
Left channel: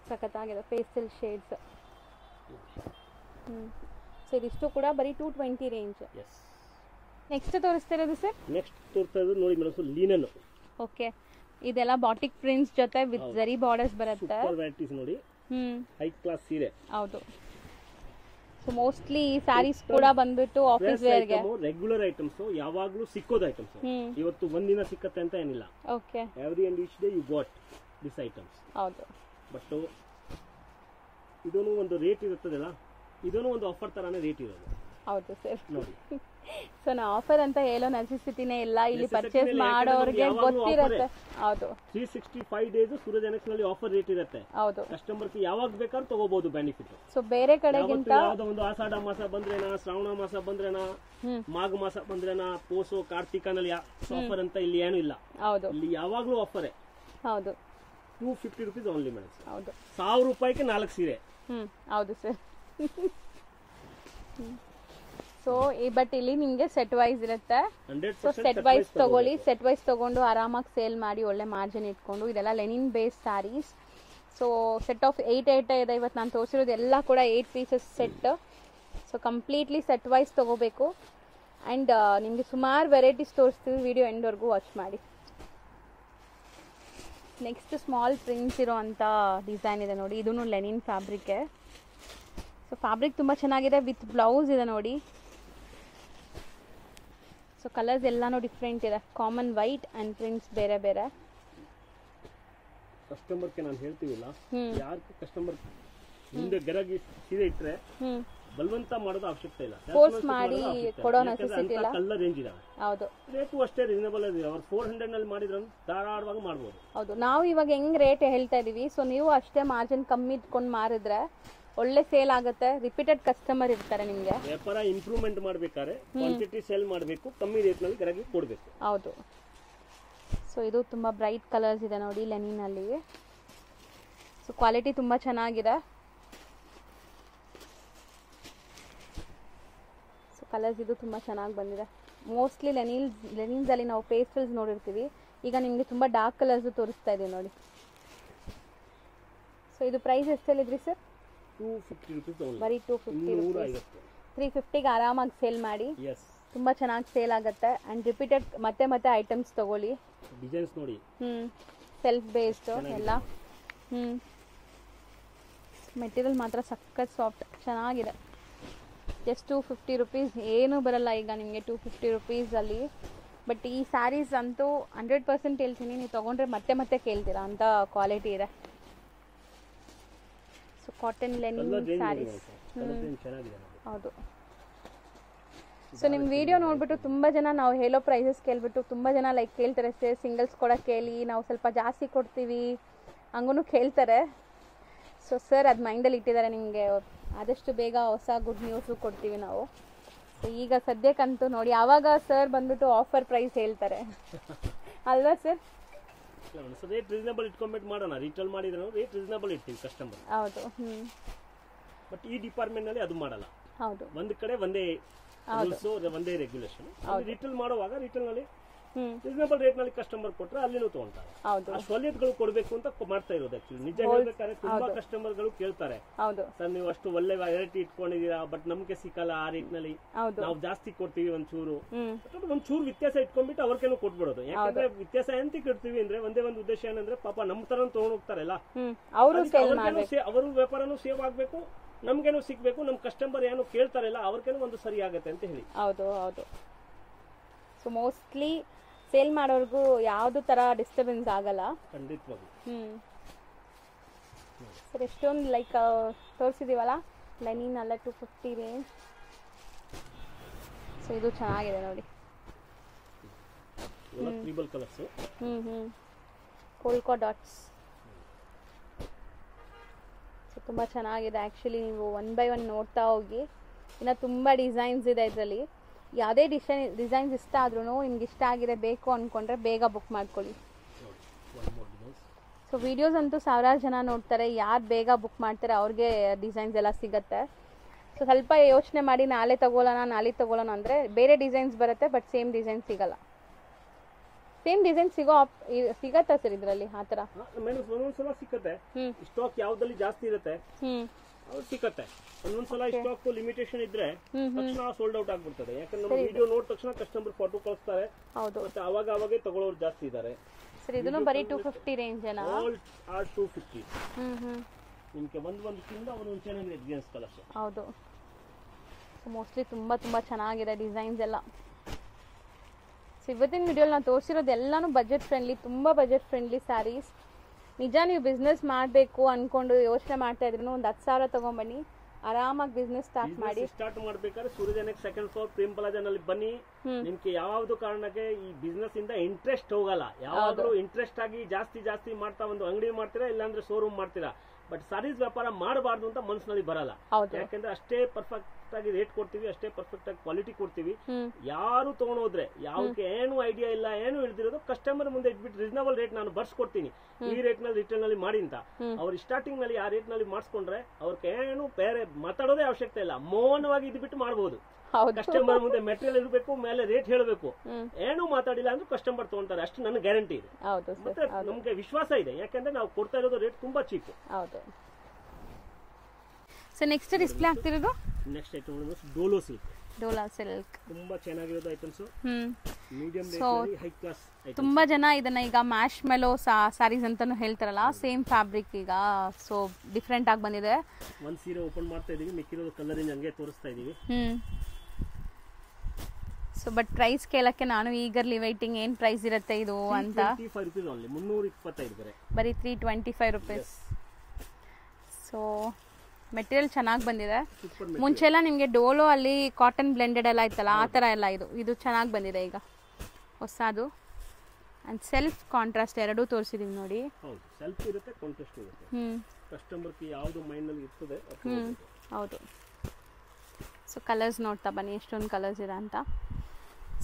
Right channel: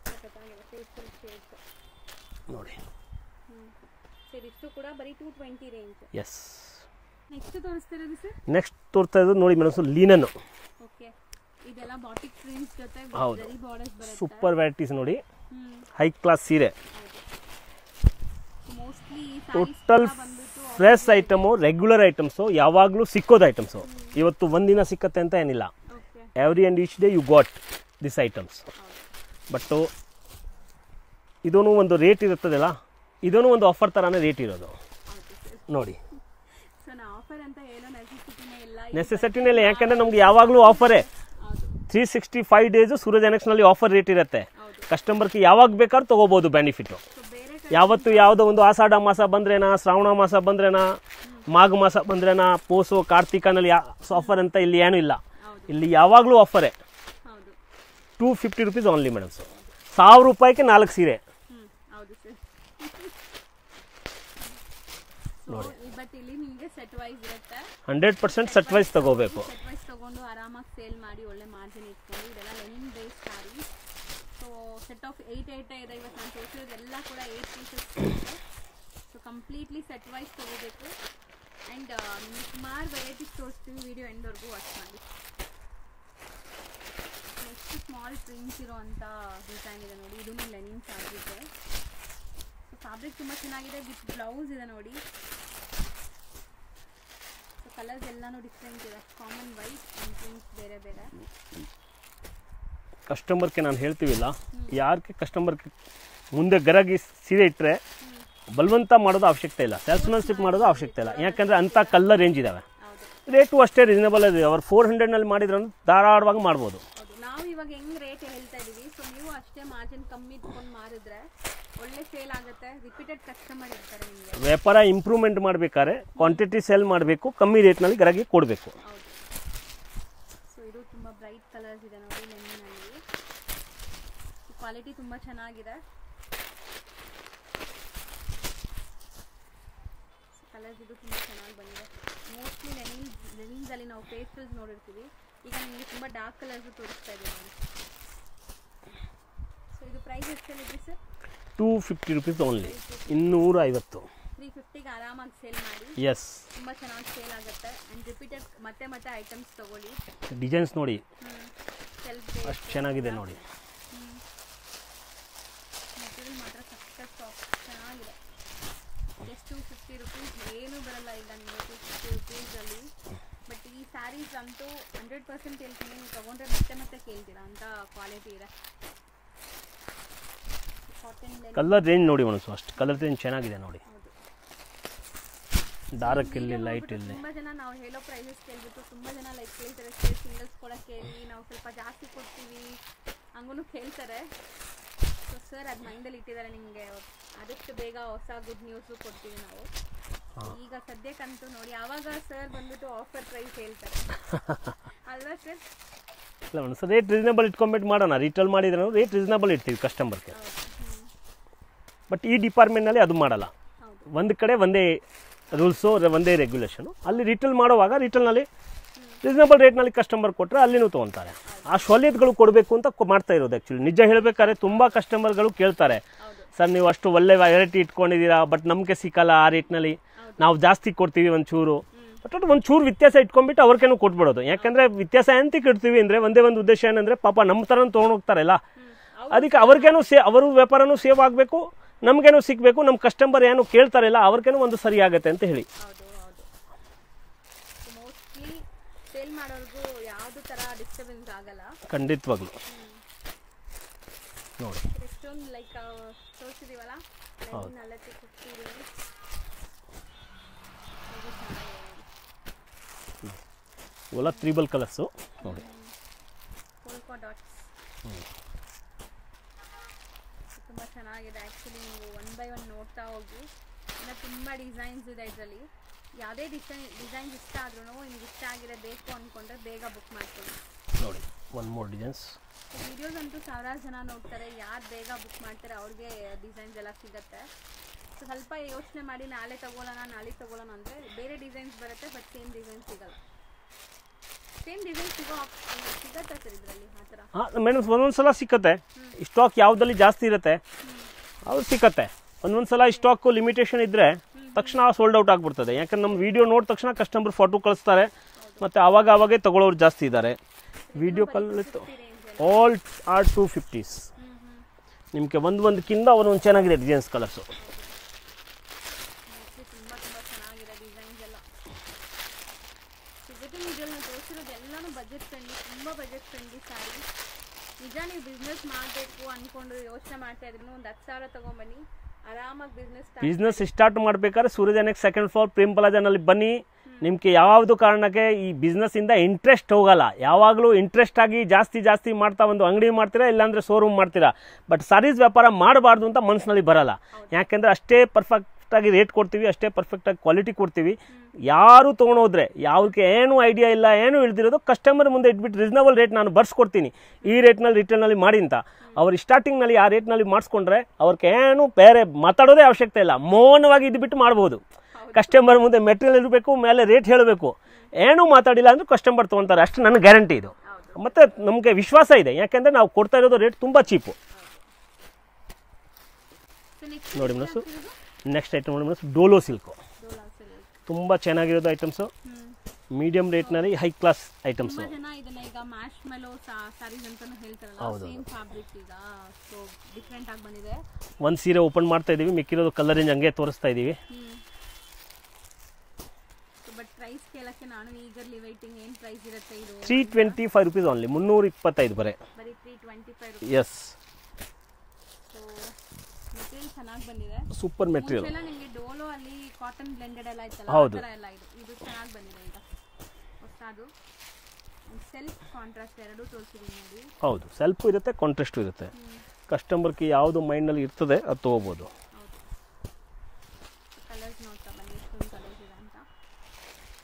ಸಖತ್ತಾಗಿದೆ ಪೇಸ್ಟಲ್ ಶೇಡ್ಸ್ ನೋಡಿ. ಸೊ ಇದಿಷ್ಟು ಕೂಡ ಬರೀ 220 ರೇಂಜ್. ಎಸ್. ನೆಕ್ಸ್ಟ್ ತೋರಿಸ್ತಿರೋದು ಸರ್? ನೆಕ್ಸ್ಟ್ ತೋರಿಸ್ತಾ ಇರೋದು ನೋಡಿ ಮೇಡಮ್, ಲೀನನ್. ಓಕೆ. ಇದೆಲ್ಲ ಬಾಟಿಕ್ ಪ್ರಿಂಟ್ಸ್ ಜೊತೆ ವಿತ್ ಜರಿ ಬಾರ್ಡರ್ಸ್ ಬರುತ್ತೆ. ಸೂಪರ್ ವೆರೈಟೀಸ್ ನೋಡಿ. ಹೈ ಕ್ಲಾಸ್ ಸೀರೆ. ಹೌದು. ಸೊ ಮೋಸ್ಟ್ಲಿ ಈ ಸ್ಯಾರೀಸ್ ಕೂಡ ಬಂದ್ಬಿಟ್ಟು ಫ್ರೆಶ್ ಐಟಮು, ರೆಗ್ಯುಲರ್ ಐಟಮ್ಸ್, ಯಾವಾಗಲೂ ಸಿಕ್ಕೋದು ಐಟಮ್ಸ್. ಇವತ್ತು ಒಂದಿನ ಸಿಕ್ಕತ್ತೆ ಅಂತ ಏನಿಲ್ಲ. Okay. Every and each day you got this items. ಹೌದು. ಬಟ್ ಇದೊಂದು ಒಂದು ರೇಟ್ ಇರುತ್ತದಲ್ಲ, ಇದೊಂದು ಒಂದು ಆಫರ್ ತರಾನೇ ರೇಟ್ ಇರೋದು. ಹೌದು ಸರ್. ನೋಡಿ, ಸೊ ನಾ ಆಫರ್ ಅಂತ ಹೇಳೋ ನೆಸೆಸಿಟಿನೇ ಇಲ್ಲ, ನೆಸೆಸಿಟಿನೇ ಇಲ್ಲ, ಯಾಕಂದ್ರೆ ನಮ್ಗೆ ಯಾವಾಗಲೂ ಆಫರೇ. ಹೌದು. 365 ಡೇಸ್ ಸೂರಜ್ ಎನೆಕ್ಸ್ ನಲ್ಲಿ ಆಫರ್ ರೇಟ್ ಇರುತ್ತೆ. ಹೌದು. ಕಸ್ಟಮರ್ಗೆ ಯಾವಾಗ ಬೇಕಾದ್ರೂ ತಗೋಬಹುದು ಬೆನಿಫಿಟ್. ಸೊ ಬೇರೆ ಕಡೆ ಯಾವತ್ತು ಯಾವುದೋ ಒಂದು ಆಷಾಢ ಮಾಸ ಬಂದ್ರೇನಾ, ಶ್ರಾವಣ ಮಾಸ ಬಂದ್ರೇನಾ, ಮಾಘ ಮಾಸ ಬಂದ್ರೇನಾ, ಪೋಸು ಕಾರ್ತಿಕನಲ್ಲಿ ಆಫರ್ ಅಂತ ಇಲ್ಲಿ ಏನೂ ಇಲ್ಲ. ಹೌದು. ಇಲ್ಲಿ ಯಾವಾಗಲೂ ಆಫರೇ. ಹೌದು. 250 rupees ಓನ್ಲಿ ಮೇಡಮ್. ಹೌದು. 1000 ರೂಪಾಯಿಗೆ 4 ಸೀರೆ. ಹೌದು ಸರ್. ಸೊ ಬಟ್ ಇಲ್ಲಿ ನಿಮಗೆ ಸೆಟ್ ವೈಸ್ ಇರುತ್ತೆ. 100% ಸೆಟ್ ವೈಸ್ ತಗೋಬೇಕು. ಸೆಟ್ ವೈಸ್ ತಗೊಂಡು ಆರಾಮಾಗಿ ಸೇಲ್ ಮಾಡಿ ಒಳ್ಳೆ ಮಾರ್ಜಿನ್ ಇಟ್ಕೊಂಡು, ಇದೆಲ್ಲ linen base sarees. So set of 8 ಇದೆ. ಇವತ್ತು ನಾನು ತೋರಿಸಿರೋದು ಎಲ್ಲ ಕೂಡ 8 pieces set. So completely set wise ತಗೋಬೇಕು. ಆ್ಯಂಡ್ ನಿಮಗೆ ಸುಮಾರು ವೆರೈಟೀಸ್ ತೋರಿಸ್ತೀವಿ, ವಿಡಿಯೋ ಎಂಡ್ವರೆಗೂ ವಾಚ್ ಮಾಡಿ. ನೆಕ್ಸ್ಟ್ ಸ್ಮಾಲ್ ಪ್ರಿಂಟ್ಸ್ ಇರೋ ಅಂಥ ಡಿಸೈನ್ ಇದೆ ನೋಡಿ, ಇದೂ ಲೆನಿನ್ ಫ್ಯಾಬ್ರಿಕ್ಕೆ. ಸೊ ಫ್ಯಾಬ್ರಿಕ್ ತುಂಬ ಚೆನ್ನಾಗಿದೆ, ವಿತ್ ಬ್ಲೌಸ್ ಇದೆ ನೋಡಿ. ಸೊ ಕಲರ್ಸ್ ಎಲ್ಲಾನು ಡಿಫ್ರೆಂಟ್ ಇದೆ, ಕಾಮನ್ ವೈಟ್ ಆ್ಯಂಡ್ ಪ್ರಿಂಟ್ಸ್ ಬೇರೆ ಬೇರೆ. ಕಸ್ಟಮರ್ಗೆ ನಾನು ಹೇಳ್ತೀವಿಲ್ಲ, ಯಾರಿಗೆ ಕಸ್ಟಮರ್ ಮುಂದೆ ಗರಗಿ ಸೀರೆ ಇಟ್ಟರೆ ಬಲವಂತ ಮಾಡೋದು ಅವಶ್ಯಕತೆ ಇಲ್ಲ, ಸೇಲ್ಸ್ಮನ್ಶಿಪ್ ಮಾಡೋದು ಅವಶ್ಯಕತೆ ಇಲ್ಲ. ಯಾಕಂದ್ರೆ ಅಂತ ಕಲರ್ ರೇಂಜ್ ಇದಾವೆ, ರೇಟು ಅಷ್ಟೇ ರೀಸನಬಲ್ ಇದೆ. ಅವ್ರು 400 ನಲ್ಲಿ ಮಾಡಿದ್ರು ಧಾರಾಳವಾಗಿ ಮಾಡ್ಬೋದು. ಹೌದು. ನಾವು ಇವಾಗ ಹೆಂಗ್ ರೇಟ್ ಹೇಳ್ತಾ ಇದೀವಿ, ಸೊ ನೀವು ಅಷ್ಟೇ ಮಾರ್ಜಿನ್ ಕಮ್ಮಿ ಇಟ್ಕೊಂಡು ಮಾರಿದ್ರೆ ಒಳ್ಳೆ ಸೇಲ್ ಆಗುತ್ತೆ, ರಿಪೀಟೆಡ್ ಕಸ್ಟಮರ್ ಇರ್ತಾರೆ ನಿಮಗೆ. ವ್ಯಾಪಾರ ಇಂಪ್ರೂವ್ಮೆಂಟ್ ಮಾಡ್ಬೇಕಾದ್ರೆ ಕ್ವಾಂಟಿಟಿ ಸೇಲ್ ಮಾಡಬೇಕು, ಕಮ್ಮಿ ರೇಟ್ನಲ್ಲಿ ಗರಗಿ ಕೊಡಬೇಕು. ಹೌದು. ಸೊ ಇದು ತುಂಬ ಬ್ರೈಟ್ ಕಲರ್ಸ್ ಇದೆ ನೋಡಿ ಲೆನಿನಲ್ಲಿ. ಸೊ ಕ್ವಾಲಿಟಿ ತುಂಬ ಚೆನ್ನಾಗಿದೆ. ಸೊ ಕಲರ್ಸ್ ಇದು ತುಂಬ ಚೆನ್ನಾಗಿ ಬಂದಿದೆ. ಮೋಸ್ಟ್ಲಿ ಲೆನಿನ್ಸಲ್ಲಿ ನಾವು ಪೇಸ್ಟಲ್ಸ್ ನೋಡಿರ್ತೀವಿ, ಈಗ ನಿಮಗೆ ತುಂಬ ಡಾರ್ಕ್ ಕಲರ್ಸ್ ತೋರಿಸ್ತಾ ಇದೆ ನೋಡಿ. ಸೊ ಇದು ಪ್ರೈಸ್ ಎಷ್ಟಲ್ಲಿದ್ರಿ ಸರ್? 250 rupees only. 250. 350ಗೆ ಆರಾಮಾಗಿ ಸೇಲ್ ಮಾಡಿ. ಎಸ್, ತುಂಬ ಚೆನ್ನಾಗಿ ಸೇಲ್ ಆಗುತ್ತೆ. ಆ್ಯಂಡ್ ರಿಪೀಟೆಡ್ ಮತ್ತೆ ಐಟಮ್ಸ್ ತಗೊಳ್ಳಿ. ಡಿಸೈನ್ಸ್ ನೋಡಿ, ಸೆಲ್ಫ್ ಬೇಸ್ ಚೆನ್ನಾಗಿದೆ ನೋಡಿ. ಮೆಟೀರಿಯಲ್ ಮಾತ್ರ ಸಖತ್ ಸಾಫ್ಟ್ ಚೆನ್ನಾಗಿದೆ. ಜಸ್ಟ್ 250 rupees, ಏನೂ ಬರಲ್ಲ ಈಗ ನಿಮಗೆ 250 rupeesಲ್ಲಿ. ಬಟ್ ಈ ಸ್ಯಾರೀಸ್ ಅಂತೂ 100% ಹೇಳ್ತೀನಿ, ನೀವು ತೊಗೊಂಡ್ರೆ ಮತ್ತೆ ಕೇಳ್ತೀರಾ ಅಂತ ಕ್ವಾಲಿಟಿ ಇದೆ. ಕಾಟನ್ ಲೆನಿನ್ ಕಲರ್ ರೇಂಜ್ ನೋಡಿ ಮನಸ್ಸು, ಅಷ್ಟು ಕಲರ್ ರೇಂಜ್ ಚೆನ್ನಾಗಿದೆ ನೋಡಿ. ಹೌದು. ಸೊ ನಿಮ್ಮ ವಿಡಿಯೋ ನೋಡ್ಬಿಟ್ಟು ತುಂಬ ಜನ ನಾವು ಹೇಳೋ ಪ್ರೈಸಸ್ ಕೇಳ್ಬಿಟ್ಟು ತುಂಬ ಜನ ಲೈಕ್ ಕೇಳ್ತಾರೆ, ಸರ್ ಸಿಂಗಲ್ಸ್ ಕೊಡೋಕ್ಕೆ ಕೇಳಿ, ನಾವು ಸ್ವಲ್ಪ ಜಾಸ್ತಿ ಕೊಡ್ತೀವಿ ಹಂಗೂ ಕೇಳ್ತಾರೆ. ಸೊ ಸರ್ ಅದು ಮೈಂಡಲ್ಲಿ ಇಟ್ಟಿದ್ದಾರೆ, ನಿಮಗೆ ಆದಷ್ಟು ಬೇಗ ಹೊಸ ಗುಡ್ ನ್ಯೂಸು ಕೊಡ್ತೀವಿ ನಾವು. ಸೊ ಈಗ ಸದ್ಯಕ್ಕಂತೂ ನೋಡಿ, ಆವಾಗ ಸರ್ ಬಂದ್ಬಿಟ್ಟು ಆಫರ್ ಪ್ರೈಸ್ ಹೇಳ್ತಾರೆ ಅಲ್ವಾ ಸರ್? ಇಲ್ಲ ಮೇಡಮ್, ರೇಟ್ ರೀಸನಬಲ್ ಇಟ್ಕೊಂಡ್ಬಿಟ್ಟು ಮಾಡೋಣ. ರಿಟೇಲ್ ಮಾಡಿದ್ರೆ ರೇಟ್ ರೀಸನಬಲ್ ಇಡ್ತೀವಿ ಕಸ್ಟಮರ್ಗೆ. ಹೌದು. ಬಟ್ ಈ ಡಿಪಾರ್ಟ್ಮೆಂಟ್ನಲ್ಲಿ ಅದು ಮಾಡಲ್ಲ. ಹೌದು. ಒಂದು ಕಡೆ ಒಂದೇ ರೂಲ್ಸು, ಒಂದೇ ರೆಗ್ಯುಲೇಷನು. ಅಲ್ಲಿ ರಿಟೇಲ್ ಮಾಡುವಾಗ ರಿಟೇಲ್ನಲ್ಲಿ ರೀಸನಬಲ್ ರೇಟ್ನಲ್ಲಿ ಕಸ್ಟಮರ್ ಕೊಟ್ಟರೆ ಅಲ್ಲಿನೂ ತೊಗೊತಾರೆ. ಆ ಸವಲತ್ತುಗಳು ಕೊಡಬೇಕು ಅಂತ ಮಾಡ್ತಾ ಇರೋದು. ಆ್ಯಕ್ಚುಲಿ ನಿಜ ಹೇಳಬೇಕಾದ್ರೆ ತುಂಬ ಕಸ್ಟಮರ್ಗಳು ಕೇಳ್ತಾರೆ, ಸರ್ ನೀವು ಅಷ್ಟು ಒಳ್ಳೆ ವೆರೈಟಿ ಇಟ್ಕೊಂಡಿದ್ದೀರಾ, ಬಟ್ ನಮಗೆ ಸಿಕ್ಕಲ್ಲ ಆ ರೇಟ್ನಲ್ಲಿ, ನಾವು ಜಾಸ್ತಿ ಕೊಡ್ತೀವಿ ಒಂಚೂರು. ಬಟ್ ಒಂಚೂರು ವ್ಯತ್ಯಾಸ ಇಟ್ಕೊಂಡ್ಬಿಟ್ಟು ಅವ್ರಿಗೇನು ಕೊಟ್ಬಿಡೋದು. ಯಾಕಂದ್ರೆ ವ್ಯತ್ಯಾಸ ಎಂತ ಇಡ್ತೀವಿ ಅಂದ್ರೆ ಒಂದೇ ಒಂದು ಉದ್ದೇಶ ಏನಂದ್ರೆ, ಪಾಪ ನಮ್ಮ ಥರ ತೊಗೊಂಡೋಗ್ತಾರಲ್ಲ, ಅದಕ್ಕೆ ಅವ್ರಿಗೇನು ಅವ್ರ ವ್ಯಾಪಾರನೂ ಸೇವ್ ಆಗಬೇಕು, ನಮ್ಗೇನು ಸಿಗಬೇಕು, ನಮ್ಮ ಕಸ್ಟಮರ್ ಏನು ಕೇಳ್ತಾರಲ್ಲ ಅವ್ರಿಗೇನು ಒಂದು ಸರಿ ಆಗುತ್ತೆ ಅಂತ ಹೇಳಿ. ಹೌದು ಹೌದು. ಮೋಸ್ಟ್ಲಿ ಸೇಲ್ ಮಾಡೋರ್ಗೂ ಯಾವ್ದು ತರ ಡಿಸ್ಟರ್ಬೆನ್ಸ್ ಆಗಲ್ಲ ಖಂಡಿತವಾಗ್ಲು. ನೋಡಿ ಎಷ್ಟೊಂದು ಲೈಕ್ ತೋರಿಸಿದೀವಲ್ಲ ಲೆನಿನ್ ಅಲ್ಲ 250 ರೇಂಜ್. ಇದು ಚೆನ್ನಾಗಿದೆ ನೋಡಿ, ಇವೆಲ್ಲ ತ್ರಿಬಲ್ ಕಲರ್ಸು, ಕೋಲ್ಕಾ ಡಾಟ್ಸ್. ತುಂಬ ಚೆನ್ನಾಗಿದೆ. ಆ್ಯಕ್ಚುಲಿ ನೀವು 1 by 1 ನೋಡ್ತಾ ಹೋಗಿ, ಇನ್ನು ತುಂಬ ಡಿಸೈನ್ಸ್ ಇದೆ ಇದರಲ್ಲಿ. ಯಾವುದೇ ಡಿಸೈನ್ಸ್ ಇಷ್ಟ ಆದ್ರೂ ನಿಮ್ಗೆ ಇಷ್ಟ ಆಗಿದೆ ಬೇಕು ಅಂದ್ಕೊಂಡ್ರೆ ಬೇಗ ಬುಕ್ ಮಾಡ್ಕೊಳ್ಳಿ. ನೋಡಿ one more designs. So videos ಅಂತೂ ಸಾವಿರಾರು ಜನ ನೋಡ್ತಾರೆ, ಯಾರು ಬೇಗ ಬುಕ್ ಮಾಡ್ತಾರೆ ಅವ್ರಿಗೆ ಡಿಸೈನ್ಸ್ ಎಲ್ಲ ಸಿಗುತ್ತೆ. ಸೊ ಸ್ವಲ್ಪ ಯೋಚನೆ ಮಾಡಿ ನಾಳೆ ತಗೊಳ್ಳೋಣ ಅಂದರೆ ಬೇರೆ ಡಿಸೈನ್ಸ್ ಬರುತ್ತೆ, ಬಟ್ ಸೇಮ್ ಡಿಸೈನ್ ಸಿಗಲ್ಲ. ಸೇಮ್ ಡಿಸೈನ್ ಸಿಗತ್ತಾ ಸರ್ ಇದರಲ್ಲಿ? ಆ ಥರ ಮೇಡಮ್ ಒಂದೊಂದ್ಸಲ ಸಿಕ್ಕತ್ತೆ. ಸ್ಟಾಕ್ ಯಾವುದಲ್ಲಿ ಜಾಸ್ತಿ ಇರುತ್ತೆ ಅವ್ರು ಸಿಕ್ಕತ್ತೆ. ಒಂದೊಂದ್ಸಲ ಸ್ಟಾಕ್ ಲಿಮಿಟೇಷನ್ ಇದ್ರೆ ತಕ್ಷಣ ಸೋಲ್ಡ್ ಔಟ್ ಆಗ್ಬಿಡ್ತದೆ. ಯಾಕಂದ್ರೆ ನಮ್ಮ ವಿಡಿಯೋ ನೋಡಿದ ತಕ್ಷಣ ಕಸ್ಟಮರ್ ಫೋಟೋ ಕಳಿಸ್ತಾರೆ, ಮತ್ತೆ ಅವಾಗೇ ತಗೊಳ್ಳೋರು ಜಾಸ್ತಿ ಇದ್ದಾರೆ. Video all are 250s. ನಿಮಗೆ ಒಂದಕ್ಕಿಂತ ಒಂದೊಂದು ಚೆನ್ನಾಗಿದೆ ಡಿಸೈನ್ಸ್ ಕಲರ್ಸು. ಹೌದು, ಮೋಸ್ಟ್ಲಿ ತುಂಬ ಚೆನ್ನಾಗಿದೆ ಡಿಸೈನ್ಸ್ ಎಲ್ಲ. ಇವತ್ತಿನ ವಿಡಿಯೋಲಿ ನಾನು ತೋರಿಸಿರೋದು ಎಲ್ಲನೂ ಬಜೆಟ್ ಫ್ರೆಂಡ್ಲಿ, ತುಂಬ ಬಜೆಟ್ ಫ್ರೆಂಡ್ಲಿ ಸ್ಯಾರೀಸ್. ನಿಜ ನೀವು ಬಿಸ್ನೆಸ್ ಮಾಡಬೇಕು ಅಂದ್ಕೊಂಡು ಯೋಚನೆ ಮಾಡ್ತಾ ಇದ್ರು ಒಂದು 10,000 ತೊಗೊಂಬನ್ನಿ, ಆರಾಮಾಗಿ ಬಿಸ್ನೆಸ್ ಸ್ಟಾರ್ಟ್ ಮಾಡ್ಬೇಕಾದ್ರೆ ಸೂರ್ಯಜನಕ್ಕೆ ಸೆಕೆಂಡ್ ಫ್ಲೋರ್ ಪ್ರೇಮ್ ಪ್ಲಾಜಾನಲ್ಲಿ ಬನ್ನಿ. ನಿಮ್ಗೆ ಯಾವ್ದು ಕಾರಣಕ್ಕೆ ಈ ಬಿಸ್ನೆಸ್ ಇಂದ ಇಂಟ್ರೆಸ್ಟ್ ಹೋಗಲ್ಲ. ಯಾವಾಗಲೂ ಇಂಟ್ರೆಸ್ಟ್ ಆಗಿ ಜಾಸ್ತಿ ಮಾಡ್ತಾ ಒಂದು ಅಂಗಡಿ ಮಾಡ್ತೀರಾ, ಇಲ್ಲಾಂದ್ರೆ ಶೋರೂಮ್ ಮಾಡ್ತೀರಾ. ಬಟ್ ಸಾರೀಸ್ ವ್ಯಾಪಾರ ಮಾಡಬಾರ್ದು ಅಂತ ಮನಸ್ಸಿನಲ್ಲಿ ಬರಲ್ಲ. ಯಾಕೆಂದ್ರೆ ಅಷ್ಟೇ ಪರ್ಫೆಕ್ಟ್ ಆಗಿ ರೇಟ್ ಕೊಡ್ತೀವಿ, ಅಷ್ಟೇ ಪರ್ಫೆಕ್ಟ್ ಆಗಿ ಕ್ವಾಲಿಟಿ ಕೊಡ್ತೀವಿ. ಯಾರು ತಗೊಂಡೋದ್ರೆ ಯಾವ್ದಕ್ಕೆ ಏನು ಐಡಿಯಾ ಇಲ್ಲ, ಏನು ಇಳ್ದಿರೋದು ಕಸ್ಟಮರ್ ಮುಂದೆ ಇಟ್ಬಿಟ್ಟು ರೀಸನಬಲ್ ರೇಟ್ ನಾನು ಬರ್ಸ್ಕೊಡ್ತೀನಿ, ಈ ರೇಟ್ ನಲ್ಲಿ ರಿಟೇಲ್ ನಲ್ಲಿ ಮಾಡಿ ಅಂತ. ಅವ್ರು ಸ್ಟಾರ್ಟಿಂಗ್ ನಲ್ಲಿ ಆ ರೇಟ್ ನಲ್ಲಿ ಮಾಡಿಸ್ಕೊಂಡ್ರೆ ಅವ್ರಿಗೆ ಏನು ಬೇರೆ ಮಾತಾಡೋದೇ ಅವಶ್ಯಕತೆ ಇಲ್ಲ, ಮೌನವಾಗಿ ಇದ್ಬಿಟ್ಟು ಮಾಡಬಹುದು. ಕಸ್ಟಮರ್ ಮುಂದೆ ಮೆಟೀರಿಯಲ್ ಇರಬೇಕು, ಮೇಲೆ ರೇಟ್ ಹೇಳಬೇಕು, ಏನು ಮಾತಾಡಿಲ್ಲ ಅಂದ್ರೆ ಕಸ್ಟಮರ್ ತಗೊಂತಾರೆ, ಅಷ್ಟು ನನ್ನ ಗ್ಯಾರಂಟಿ ಇದು. ಮತ್ತೆ ನಮ್ಗೆ ವಿಶ್ವಾಸ ಇದೆ, ಯಾಕಂದ್ರೆ ನಾವು ಕೊಡ್ತಾ ಇರೋದು ರೇಟ್ ತುಂಬಾ ಚೀಪು. ನೆಕ್ಸ್ಟ್ ಐಟಮ್ ನೋಡಿ, ಡೋಲೋ ಸಿಲ್ಕ್. ತುಂಬಾ ಚೆನ್ನಾಗಿರೋದು ಐಟಮ್ಸ್, ಮೀಡಿಯಂ ರೇಟ್ ನಲ್ಲಿ ಹೈ ಕ್ಲಾಸ್ ಐಟಮ್ಸ್. ತುಂಬಾ ಜನ ಇದನ್ನ ಈಗ ಮ್ಯಾಶ್ ಮೆಲೋ ಸಾರೀಸ್ ಅಂತಾನು ಹೇಳ್ತಾರಲ್ಲ, ಸೇಮ್ ಫ್ಯಾಬ್ರಿಕ್ ಈಗ ಸೊ ಡಿಫರೆಂಟ್ ಆಗಿ ಬಂದಿದೆ. ಒಂದ್ ಸೀರೆ ಓಪನ್ ಮಾಡ್ತಾ ಇದೀವಿ, ಮಿಕ್ಕಿರೋದು ಕಲರ್ ರೇಂಜ್ ಹಂಗೆ ತೋರಿಸ್ತಾ ಇದೀವಿ. ಸೊ ಬಟ್ ಪ್ರೈಸ್ ಕೇಳಕ್ಕೆ ನಾನು ಈಗರ್ಲಿ ವೈಟಿಂಗ್. ಏನ್ ಪ್ರೈಸ್ ಇರುತ್ತೆ ಇದು? 325 ರೂಪೀಸ್ ಓನ್ಲಿ, 325 ಬರೀ 325 ರೂಪೀಸ್. ಎಸ್. ಸೊ ಮೆಟೀರಿಯಲ್ ಚೆನ್ನಾಗಿ ಬಂದಿದೆ. Super material. ಮುಂಚೆ ಎಲ್ಲ ನಿಮಗೆ ಡೋಲೋ ಅಲ್ಲಿ ಕಾಟನ್ ಬ್ಲೆಂಡೆಡ್ ಎಲ್ಲ ಇತ್ತಲ್ಲ, ಆ ತರ ಎಲ್ಲ ಇದು ಚೆನ್ನಾಗಿ ಬಂದಿದೆ ಈಗ ಹೊಸದು. ಅಂಡ್ ಸೆಲ್ಫ್ ಕಾಂಟ್ರಾಸ್ಟ್ ಎರಡೂ ತೋರಿಸಿದೀನಿ ನೋಡಿ. ಹೌದು, ಸೆಲ್ಫ್ ಇರುತ್ತೆ, ಕಾಂಟ್ರಾಸ್ಟ್ ಇರುತ್ತೆ. ಕಸ್ಟಮರ್ಗೆ ಯಾವುದು ಮೈಂಡ್ ನಲ್ಲಿ ಇರ್ತದೆ ಅದು ತಗೋಬಹುದು. ಹೌದು. ಸೊ ಕಲರ್ಸ್ ನೋಡ್ತಾ ಬನ್ನಿ ಎಷ್ಟೊಂದು ಕಲರ್ಸ್ ಇದೆ ಅಂತ.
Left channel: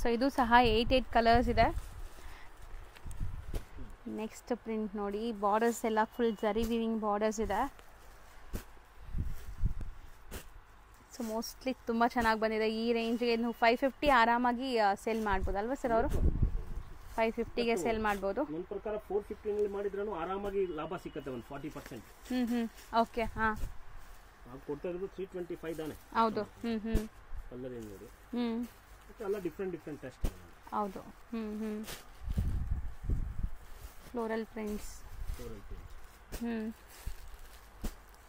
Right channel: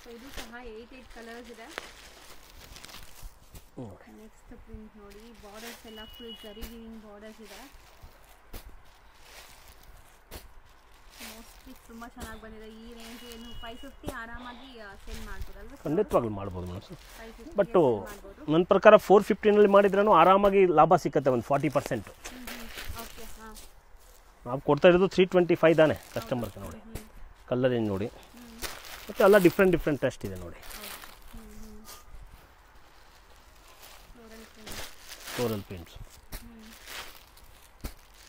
ಸೊ ಇದು ಸಹ 8 ಕಲರ್ಸ್ ಇದೆ. ನೆಕ್ಸ್ಟ್ ಪ್ರಿಂಟ್ ನೋಡಿ, ಬಾರ್ಡರ್ಸ್ ಎಲ್ಲ ಫುಲ್ ಜರಿ ವೀವಿಂಗ್ ಬಾರ್ಡರ್ಸ್ ಇದೆ. ಸೊ ಮೋಸ್ಟ್ಲಿ ತುಂಬಾ ಚೆನ್ನಾಗಿ ಬಂದಿದೆ. ಈ ರೇಂಜ್ಗೆ 550 ಆರಾಮಾಗಿ ಸೇಲ್ ಮಾಡ್ಬೋದಲ್ವಾ ಸರ್? ಮಾಡ್ಬೋದು 550ಗೆ ಸೇಲ್ ಮಾಡ್ಬೋದು. ನನ್ನ ಪ್ರಕಾರ 450 ನಲ್ಲಿ ಮಾಡಿದ್ರೂ ಆರಾಮಾಗಿ ಲಾಭ ಸಿಕ್ಕತ್ತೆ, ಒಂದು 40%. ಓಕೆ. ಹಾ, ನಾವು ಕೊಡ್ತಾ ಇರೋದು 325 ತಾನೆ ಕಸ್ಟಮರ್. ಕಲರ್ ಏನು ನೋಡಿ, ಮತ್ತೆ ಎಲ್ಲ ಡಿಫ್ರೆಂಟ್ ಟೆಸ್ಟ್ ಇದೆ ನೋಡಿ. ಹೌದು. Floral prints.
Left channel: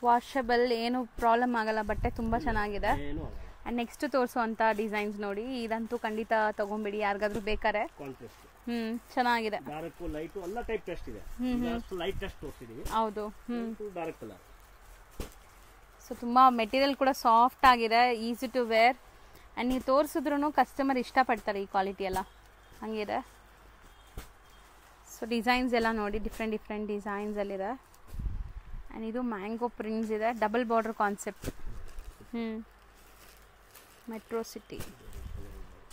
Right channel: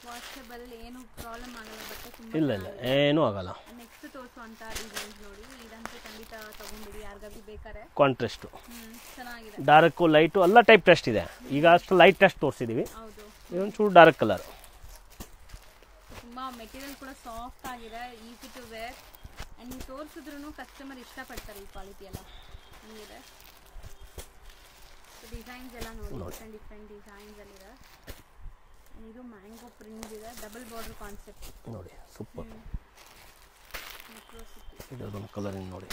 ವಾಷಬಲ್, ಏನು ಪ್ರಾಬ್ಲಮ್ ಆಗಲ್ಲ, ಬಟ್ಟೆ ತುಂಬಾ ಚೆನ್ನಾಗಿದೆ, ಏನು ಆಗಲ್ಲ. ನೆಕ್ಸ್ಟ್ ತೋರಿಸುವಂತ ಡಿಸೈನ್ಸ್ ನೋಡಿ, ಇದಂತೂ ಖಂಡಿತ ತಗೊಂಬಿಡಿ ಯಾರಿಗಾದ್ರೂ ಬೇಕಾರೆ. ಕಾಂಟ್ರಾಸ್ಟ್ ಚೆನ್ನಾಗಿದೆ, ಡಾರ್ಕ್ ಲೈಟ್ ಎಲ್ಲ ಟೈಪ್ ಟೆಸ್ಟ್ ಇದೆ. ಈಗ ಅಷ್ಟು ಲೈಟ್ ಟೆಸ್ಟ್ ತೋರಿಸಿದೀವಿ. ಹೌದು. ಒಂಚೂರು ಡಾರ್ಕ್ ಕಲರ್. ಸೊ ತುಂಬಾ ಮೆಟೀರಿಯಲ್ ಕೂಡ ಸಾಫ್ಟ್ ಆಗಿದೆ, ಈಸಿ ಟು ವೇರ್. ಅಂಡ್ ನೀವು ತೋರಿಸಿದ್ರು ಕಸ್ಟಮರ್ ಇಷ್ಟಪಡ್ತಾರೆ ಈ ಕ್ವಾಲಿಟಿ ಎಲ್ಲ, ಹಂಗಿದೆ. ಸೊ ಡಿಸೈನ್ಸ್ ಎಲ್ಲ ನೋಡಿ, ಡಿಫ್ರೆಂಟ್ ಡಿಸೈನ್ಸ್ ಅಲ್ಲಿದೆ. ಅಂಡ್ ಇದು ಮ್ಯಾಂಗೋ ಪ್ರಿಂಟ್ಸ್ ಇದೆ, ಡಬಲ್ ಬಾರ್ಡರ್ ಕಾನ್ಸೆಪ್ಟ್ ನೋಡಿ. ಸೂಪರ್. ಮೆಟ್ರೋ ಸಿಟಿ ಇದೊಂದು ಕಲರಿಂಗ್ ನೋಡಿ.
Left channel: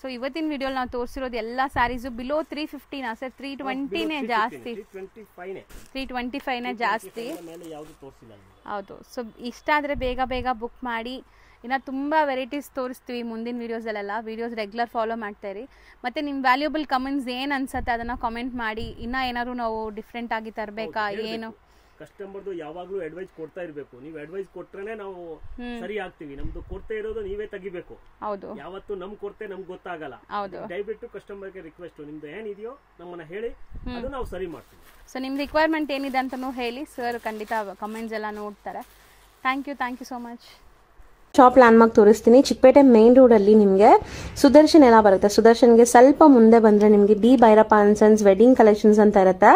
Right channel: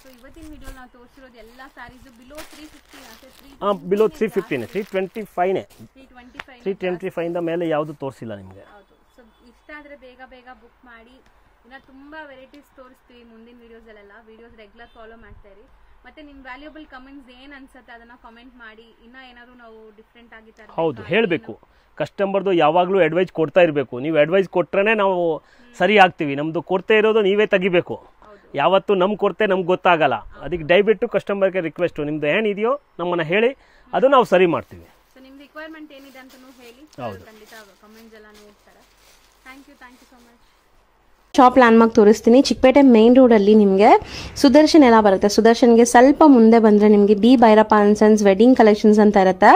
ಸೊ ಇವತ್ತಿನ ವಿಡಿಯೋ ನಾವು ತೋರಿಸಿರೋದು ಎಲ್ಲ ಸ್ಯಾರೀಸ್ ಬಿಲೋ 350 ನಾ ಸರ್? 325 ನೇ 325 ನ ಮೇಲೆ ಯಾವುದು ತೋರಿಸಿಲ್ಲ ನಿಮಗೆ. ಹೌದು. ಸೊ ಇಷ್ಟ ಆದರೆ ಬೇಗ ಬುಕ್ ಮಾಡಿ. ಇನ್ನು ತುಂಬ ವೆರೈಟೀಸ್ ತೋರಿಸ್ತೀವಿ ಮುಂದಿನ ವೀಡಿಯೋಸಲ್ಲೆಲ್ಲ. ವೀಡಿಯೋಸ್ ರೆಗ್ಯುಲರ್ ಫಾಲೋ ಮಾಡ್ತಾ ಇರಿ. ಮತ್ತು ನಿಮ್ಮ ವ್ಯಾಲ್ಯೂಬಲ್ ಕಮೆಂಟ್ಸ್ ಏನು ಅನ್ಸುತ್ತೆ ಅದನ್ನು ಕಮೆಂಟ್ ಮಾಡಿ. ಇನ್ನೂ ಏನಾದ್ರು ನಾವು ಡಿಫ್ರೆಂಟ್ ಆಗಿ ತರಬೇಕಾ ಹೇಳಬೇಕು. ಕಸ್ಟಮರ್ದು ಯಾವಾಗಲೂ ಅಡ್ವೈಸ್ ಕೊಡ್ತಾ ಇರಬೇಕು. ನೀವು ಅಡ್ವೈಸ್ ಕೊಟ್ರೆ ನಾವು ಸರಿ ಆಗ್ತೀವಿ. ನಮ್ದು ಕೊರತೆ ಇರೋದು ನೀವೇ ತೆಗಿಬೇಕು. ಯಾವತ್ತು ನಮ್ ಕೊರತೆ ನಮ್ಗೆ ಗೊತ್ತಾಗಲ್ಲ. ಅದಕ್ಕೆ ದಯವಿಟ್ಟು ಕಸ್ಟಮರ್ಗೆ ರಿಕ್ವೆಸ್ಟ್, ನಿಮ್ದು ಏನಿದೆಯೋ ನಮ್ಮನ್ನ ಹೇಳಿ, ಅದು ನಾವು ಸರಿ ಮಾಡ್ತೀವಿ. ಸೊ ನಿಮ್ಮ ರಿಕ್ವೈರ್ಮೆಂಟ್ ಏನಿದೆ ಅಂತಲೂ ಹೇಳಿ, ಸರ್ ಖಂಡಿತ ಕಮೆಂಟ್ಸ್ ಎಲ್ಲ ನೋಡ್ತಾರೆ. Thank you so much. Shop landmark ತೋರಿಸ್ತೀನಿ. ಚಿಕ್ಕಪೇಟೆ ಮೇನ್ ರೋಡ್ ಅಲ್ಲಿ ನಿಮಗೆ ಸುದರ್ಶನ್ ಎಲ್ಲ ಬರುತ್ತೆ. ಸುದರ್ಶನ್ಗೆ ಸ್ವಲ್ಪ ಮುಂದೆ ಬಂದ್ರೆ ನಿಮಗೆ D Bhyrappa and sons wedding collections ಅಂತ ಇರುತ್ತೆ.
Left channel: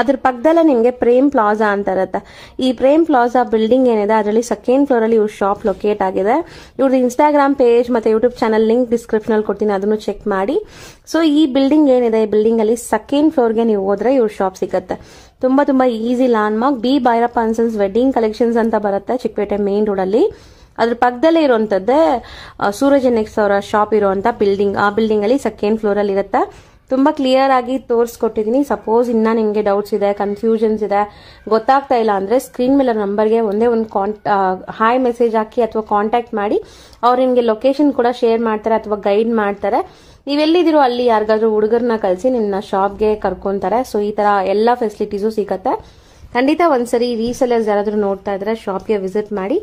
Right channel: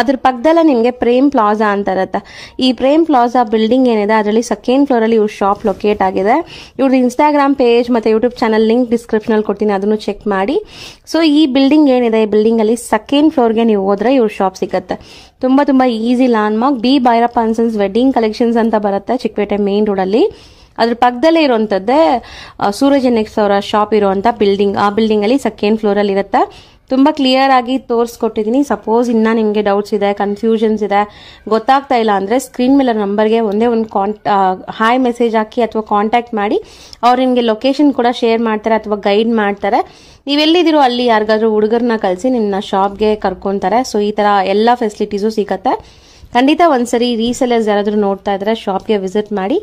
ಅದ್ರ ಪಕ್ಕದಲ್ಲೇ ನಿಮಗೆ ಪ್ರೇಮ್ ಪ್ಲಾಜಾ ಅಂತ ಇರುತ್ತೆ. ಈ ಪ್ರೇಮ್ ಪ್ಲಾಜಾ ಬಿಲ್ಡಿಂಗ್ ಏನಿದೆ ಅದರಲ್ಲಿ ಸೆಕೆಂಡ್ ಫ್ಲೋರ್ ಅಲ್ಲಿ ಇವ್ರ ಶಾಪ್ ಲೊಕೇಟ್ ಆಗಿದೆ. ಇವ್ರ ಇನ್ಸ್ಟಾಗ್ರಾಮ್ ಪೇಜ್ ಮತ್ತೆ ಯೂಟ್ಯೂಬ್ ಚಾನಲ್ ಲಿಂಕ್ ಡಿಸ್ಕ್ರಿಪ್ಷನ್ ಅಲ್ಲಿ ಕೊಡ್ತೀನಿ, ಅದನ್ನು ಚೆಕ್ ಮಾಡಿ. ಸೊ ಈ ಬಿಲ್ಡಿಂಗ್ ಏನಿದೆ, ಈ ಬಿಲ್ಡಿಂಗ್ ಅಲ್ಲಿ ಸೆಕೆಂಡ್ ಫ್ಲೋರ್ಗೆ ನೀವು ಹೋದ್ರೆ ಇವ್ರ ಶಾಪ್ ಸಿಗುತ್ತೆ. ತುಂಬಾ easy landmark. D Bhyrappa and sons wedding collections ಅಂತ ಬರುತ್ತೆ ಚಿಕ್ಕಪೇಟೆ ಮೇನ್ ರೋಡ್ ಅಲ್ಲಿ. ಅದ್ರ ಪಕ್ಕದಲ್ಲೇ ಇರುವಂತದ್ದೇ ಸೂರಜ್ ನೆಕ್ಸ್ಟ್ ಅವರ ಶಾಪ್ ಇರುವಂತ ಬಿಲ್ಡಿಂಗ್. ಆ ಬಿಲ್ಡಿಂಗ್ ಅಲ್ಲಿ ಸೆಕೆಂಡ್ ಫ್ಲೋರ್ ಅಲ್ಲಿ ಇರುತ್ತೆ. ತುಂಬಾ ಕ್ಲಿಯರ್ ಆಗಿ ತೋರಿಸ್ಕೊಟ್ಟಿದೀನಿ. ಸಪೋಸ್ ಇನ್ನ ನಿಮ್ಗೆ ಡೌಟ್ಸ್ ಇದೆ, ಕನ್ಫ್ಯೂಷನ್ಸ್ ಇದೆ, ಗೊತ್ತಾಗ್ತಾ ಇಲ್ಲ ಅಂದ್ರೆ ಸ್ಕ್ರೀನ್ ಮೇಲೆ ನಂಬರ್ಗೆ ಒಂದೇ ಒಂದು ಹಾಯ್ ಮೆಸೇಜ್ ಹಾಕಿ ಅಥವಾ ಕಾಂಟ್ಯಾಕ್ಟ್ ಮಾಡಿ. ಅವ್ರು ನಿಮ್ಗೆ ಲೊಕೇಶನ್ ಕೂಡ ಶೇರ್ ಮಾಡ್ತಾರೆ ಅಥವಾ ಗೈಡ್ ಮಾಡ್ತಾರೆ. ನೀವೆಲ್ಲಿದ್ದೀರೋ ಅಲ್ಲಿ ಯಾರಿಗಾದ್ರೂ ಹುಡುಗರನ್ನ ಕಳಿಸಿ ನಿಮ್ನ ಶಾಪ್ಗೆ ಕರ್ಕೊಂತಾರೆ. ಸೊ ಈ ತರ ಎಲ್ಲಾ ಫೆಸಿಲಿಟೀಸು ಸಿಗತ್ತೆ. ಖಂಡಿತ ಒಂದ್ಸರಿ ರೀಸೆಲರ್ಸ್ ಯಾರಾದ್ರೂ ನೋಡ್ತಾ ಇದ್ರೆ ಶಾಪ್ಗೆ ವಿಸಿಟ್ ಮಾಡಿ.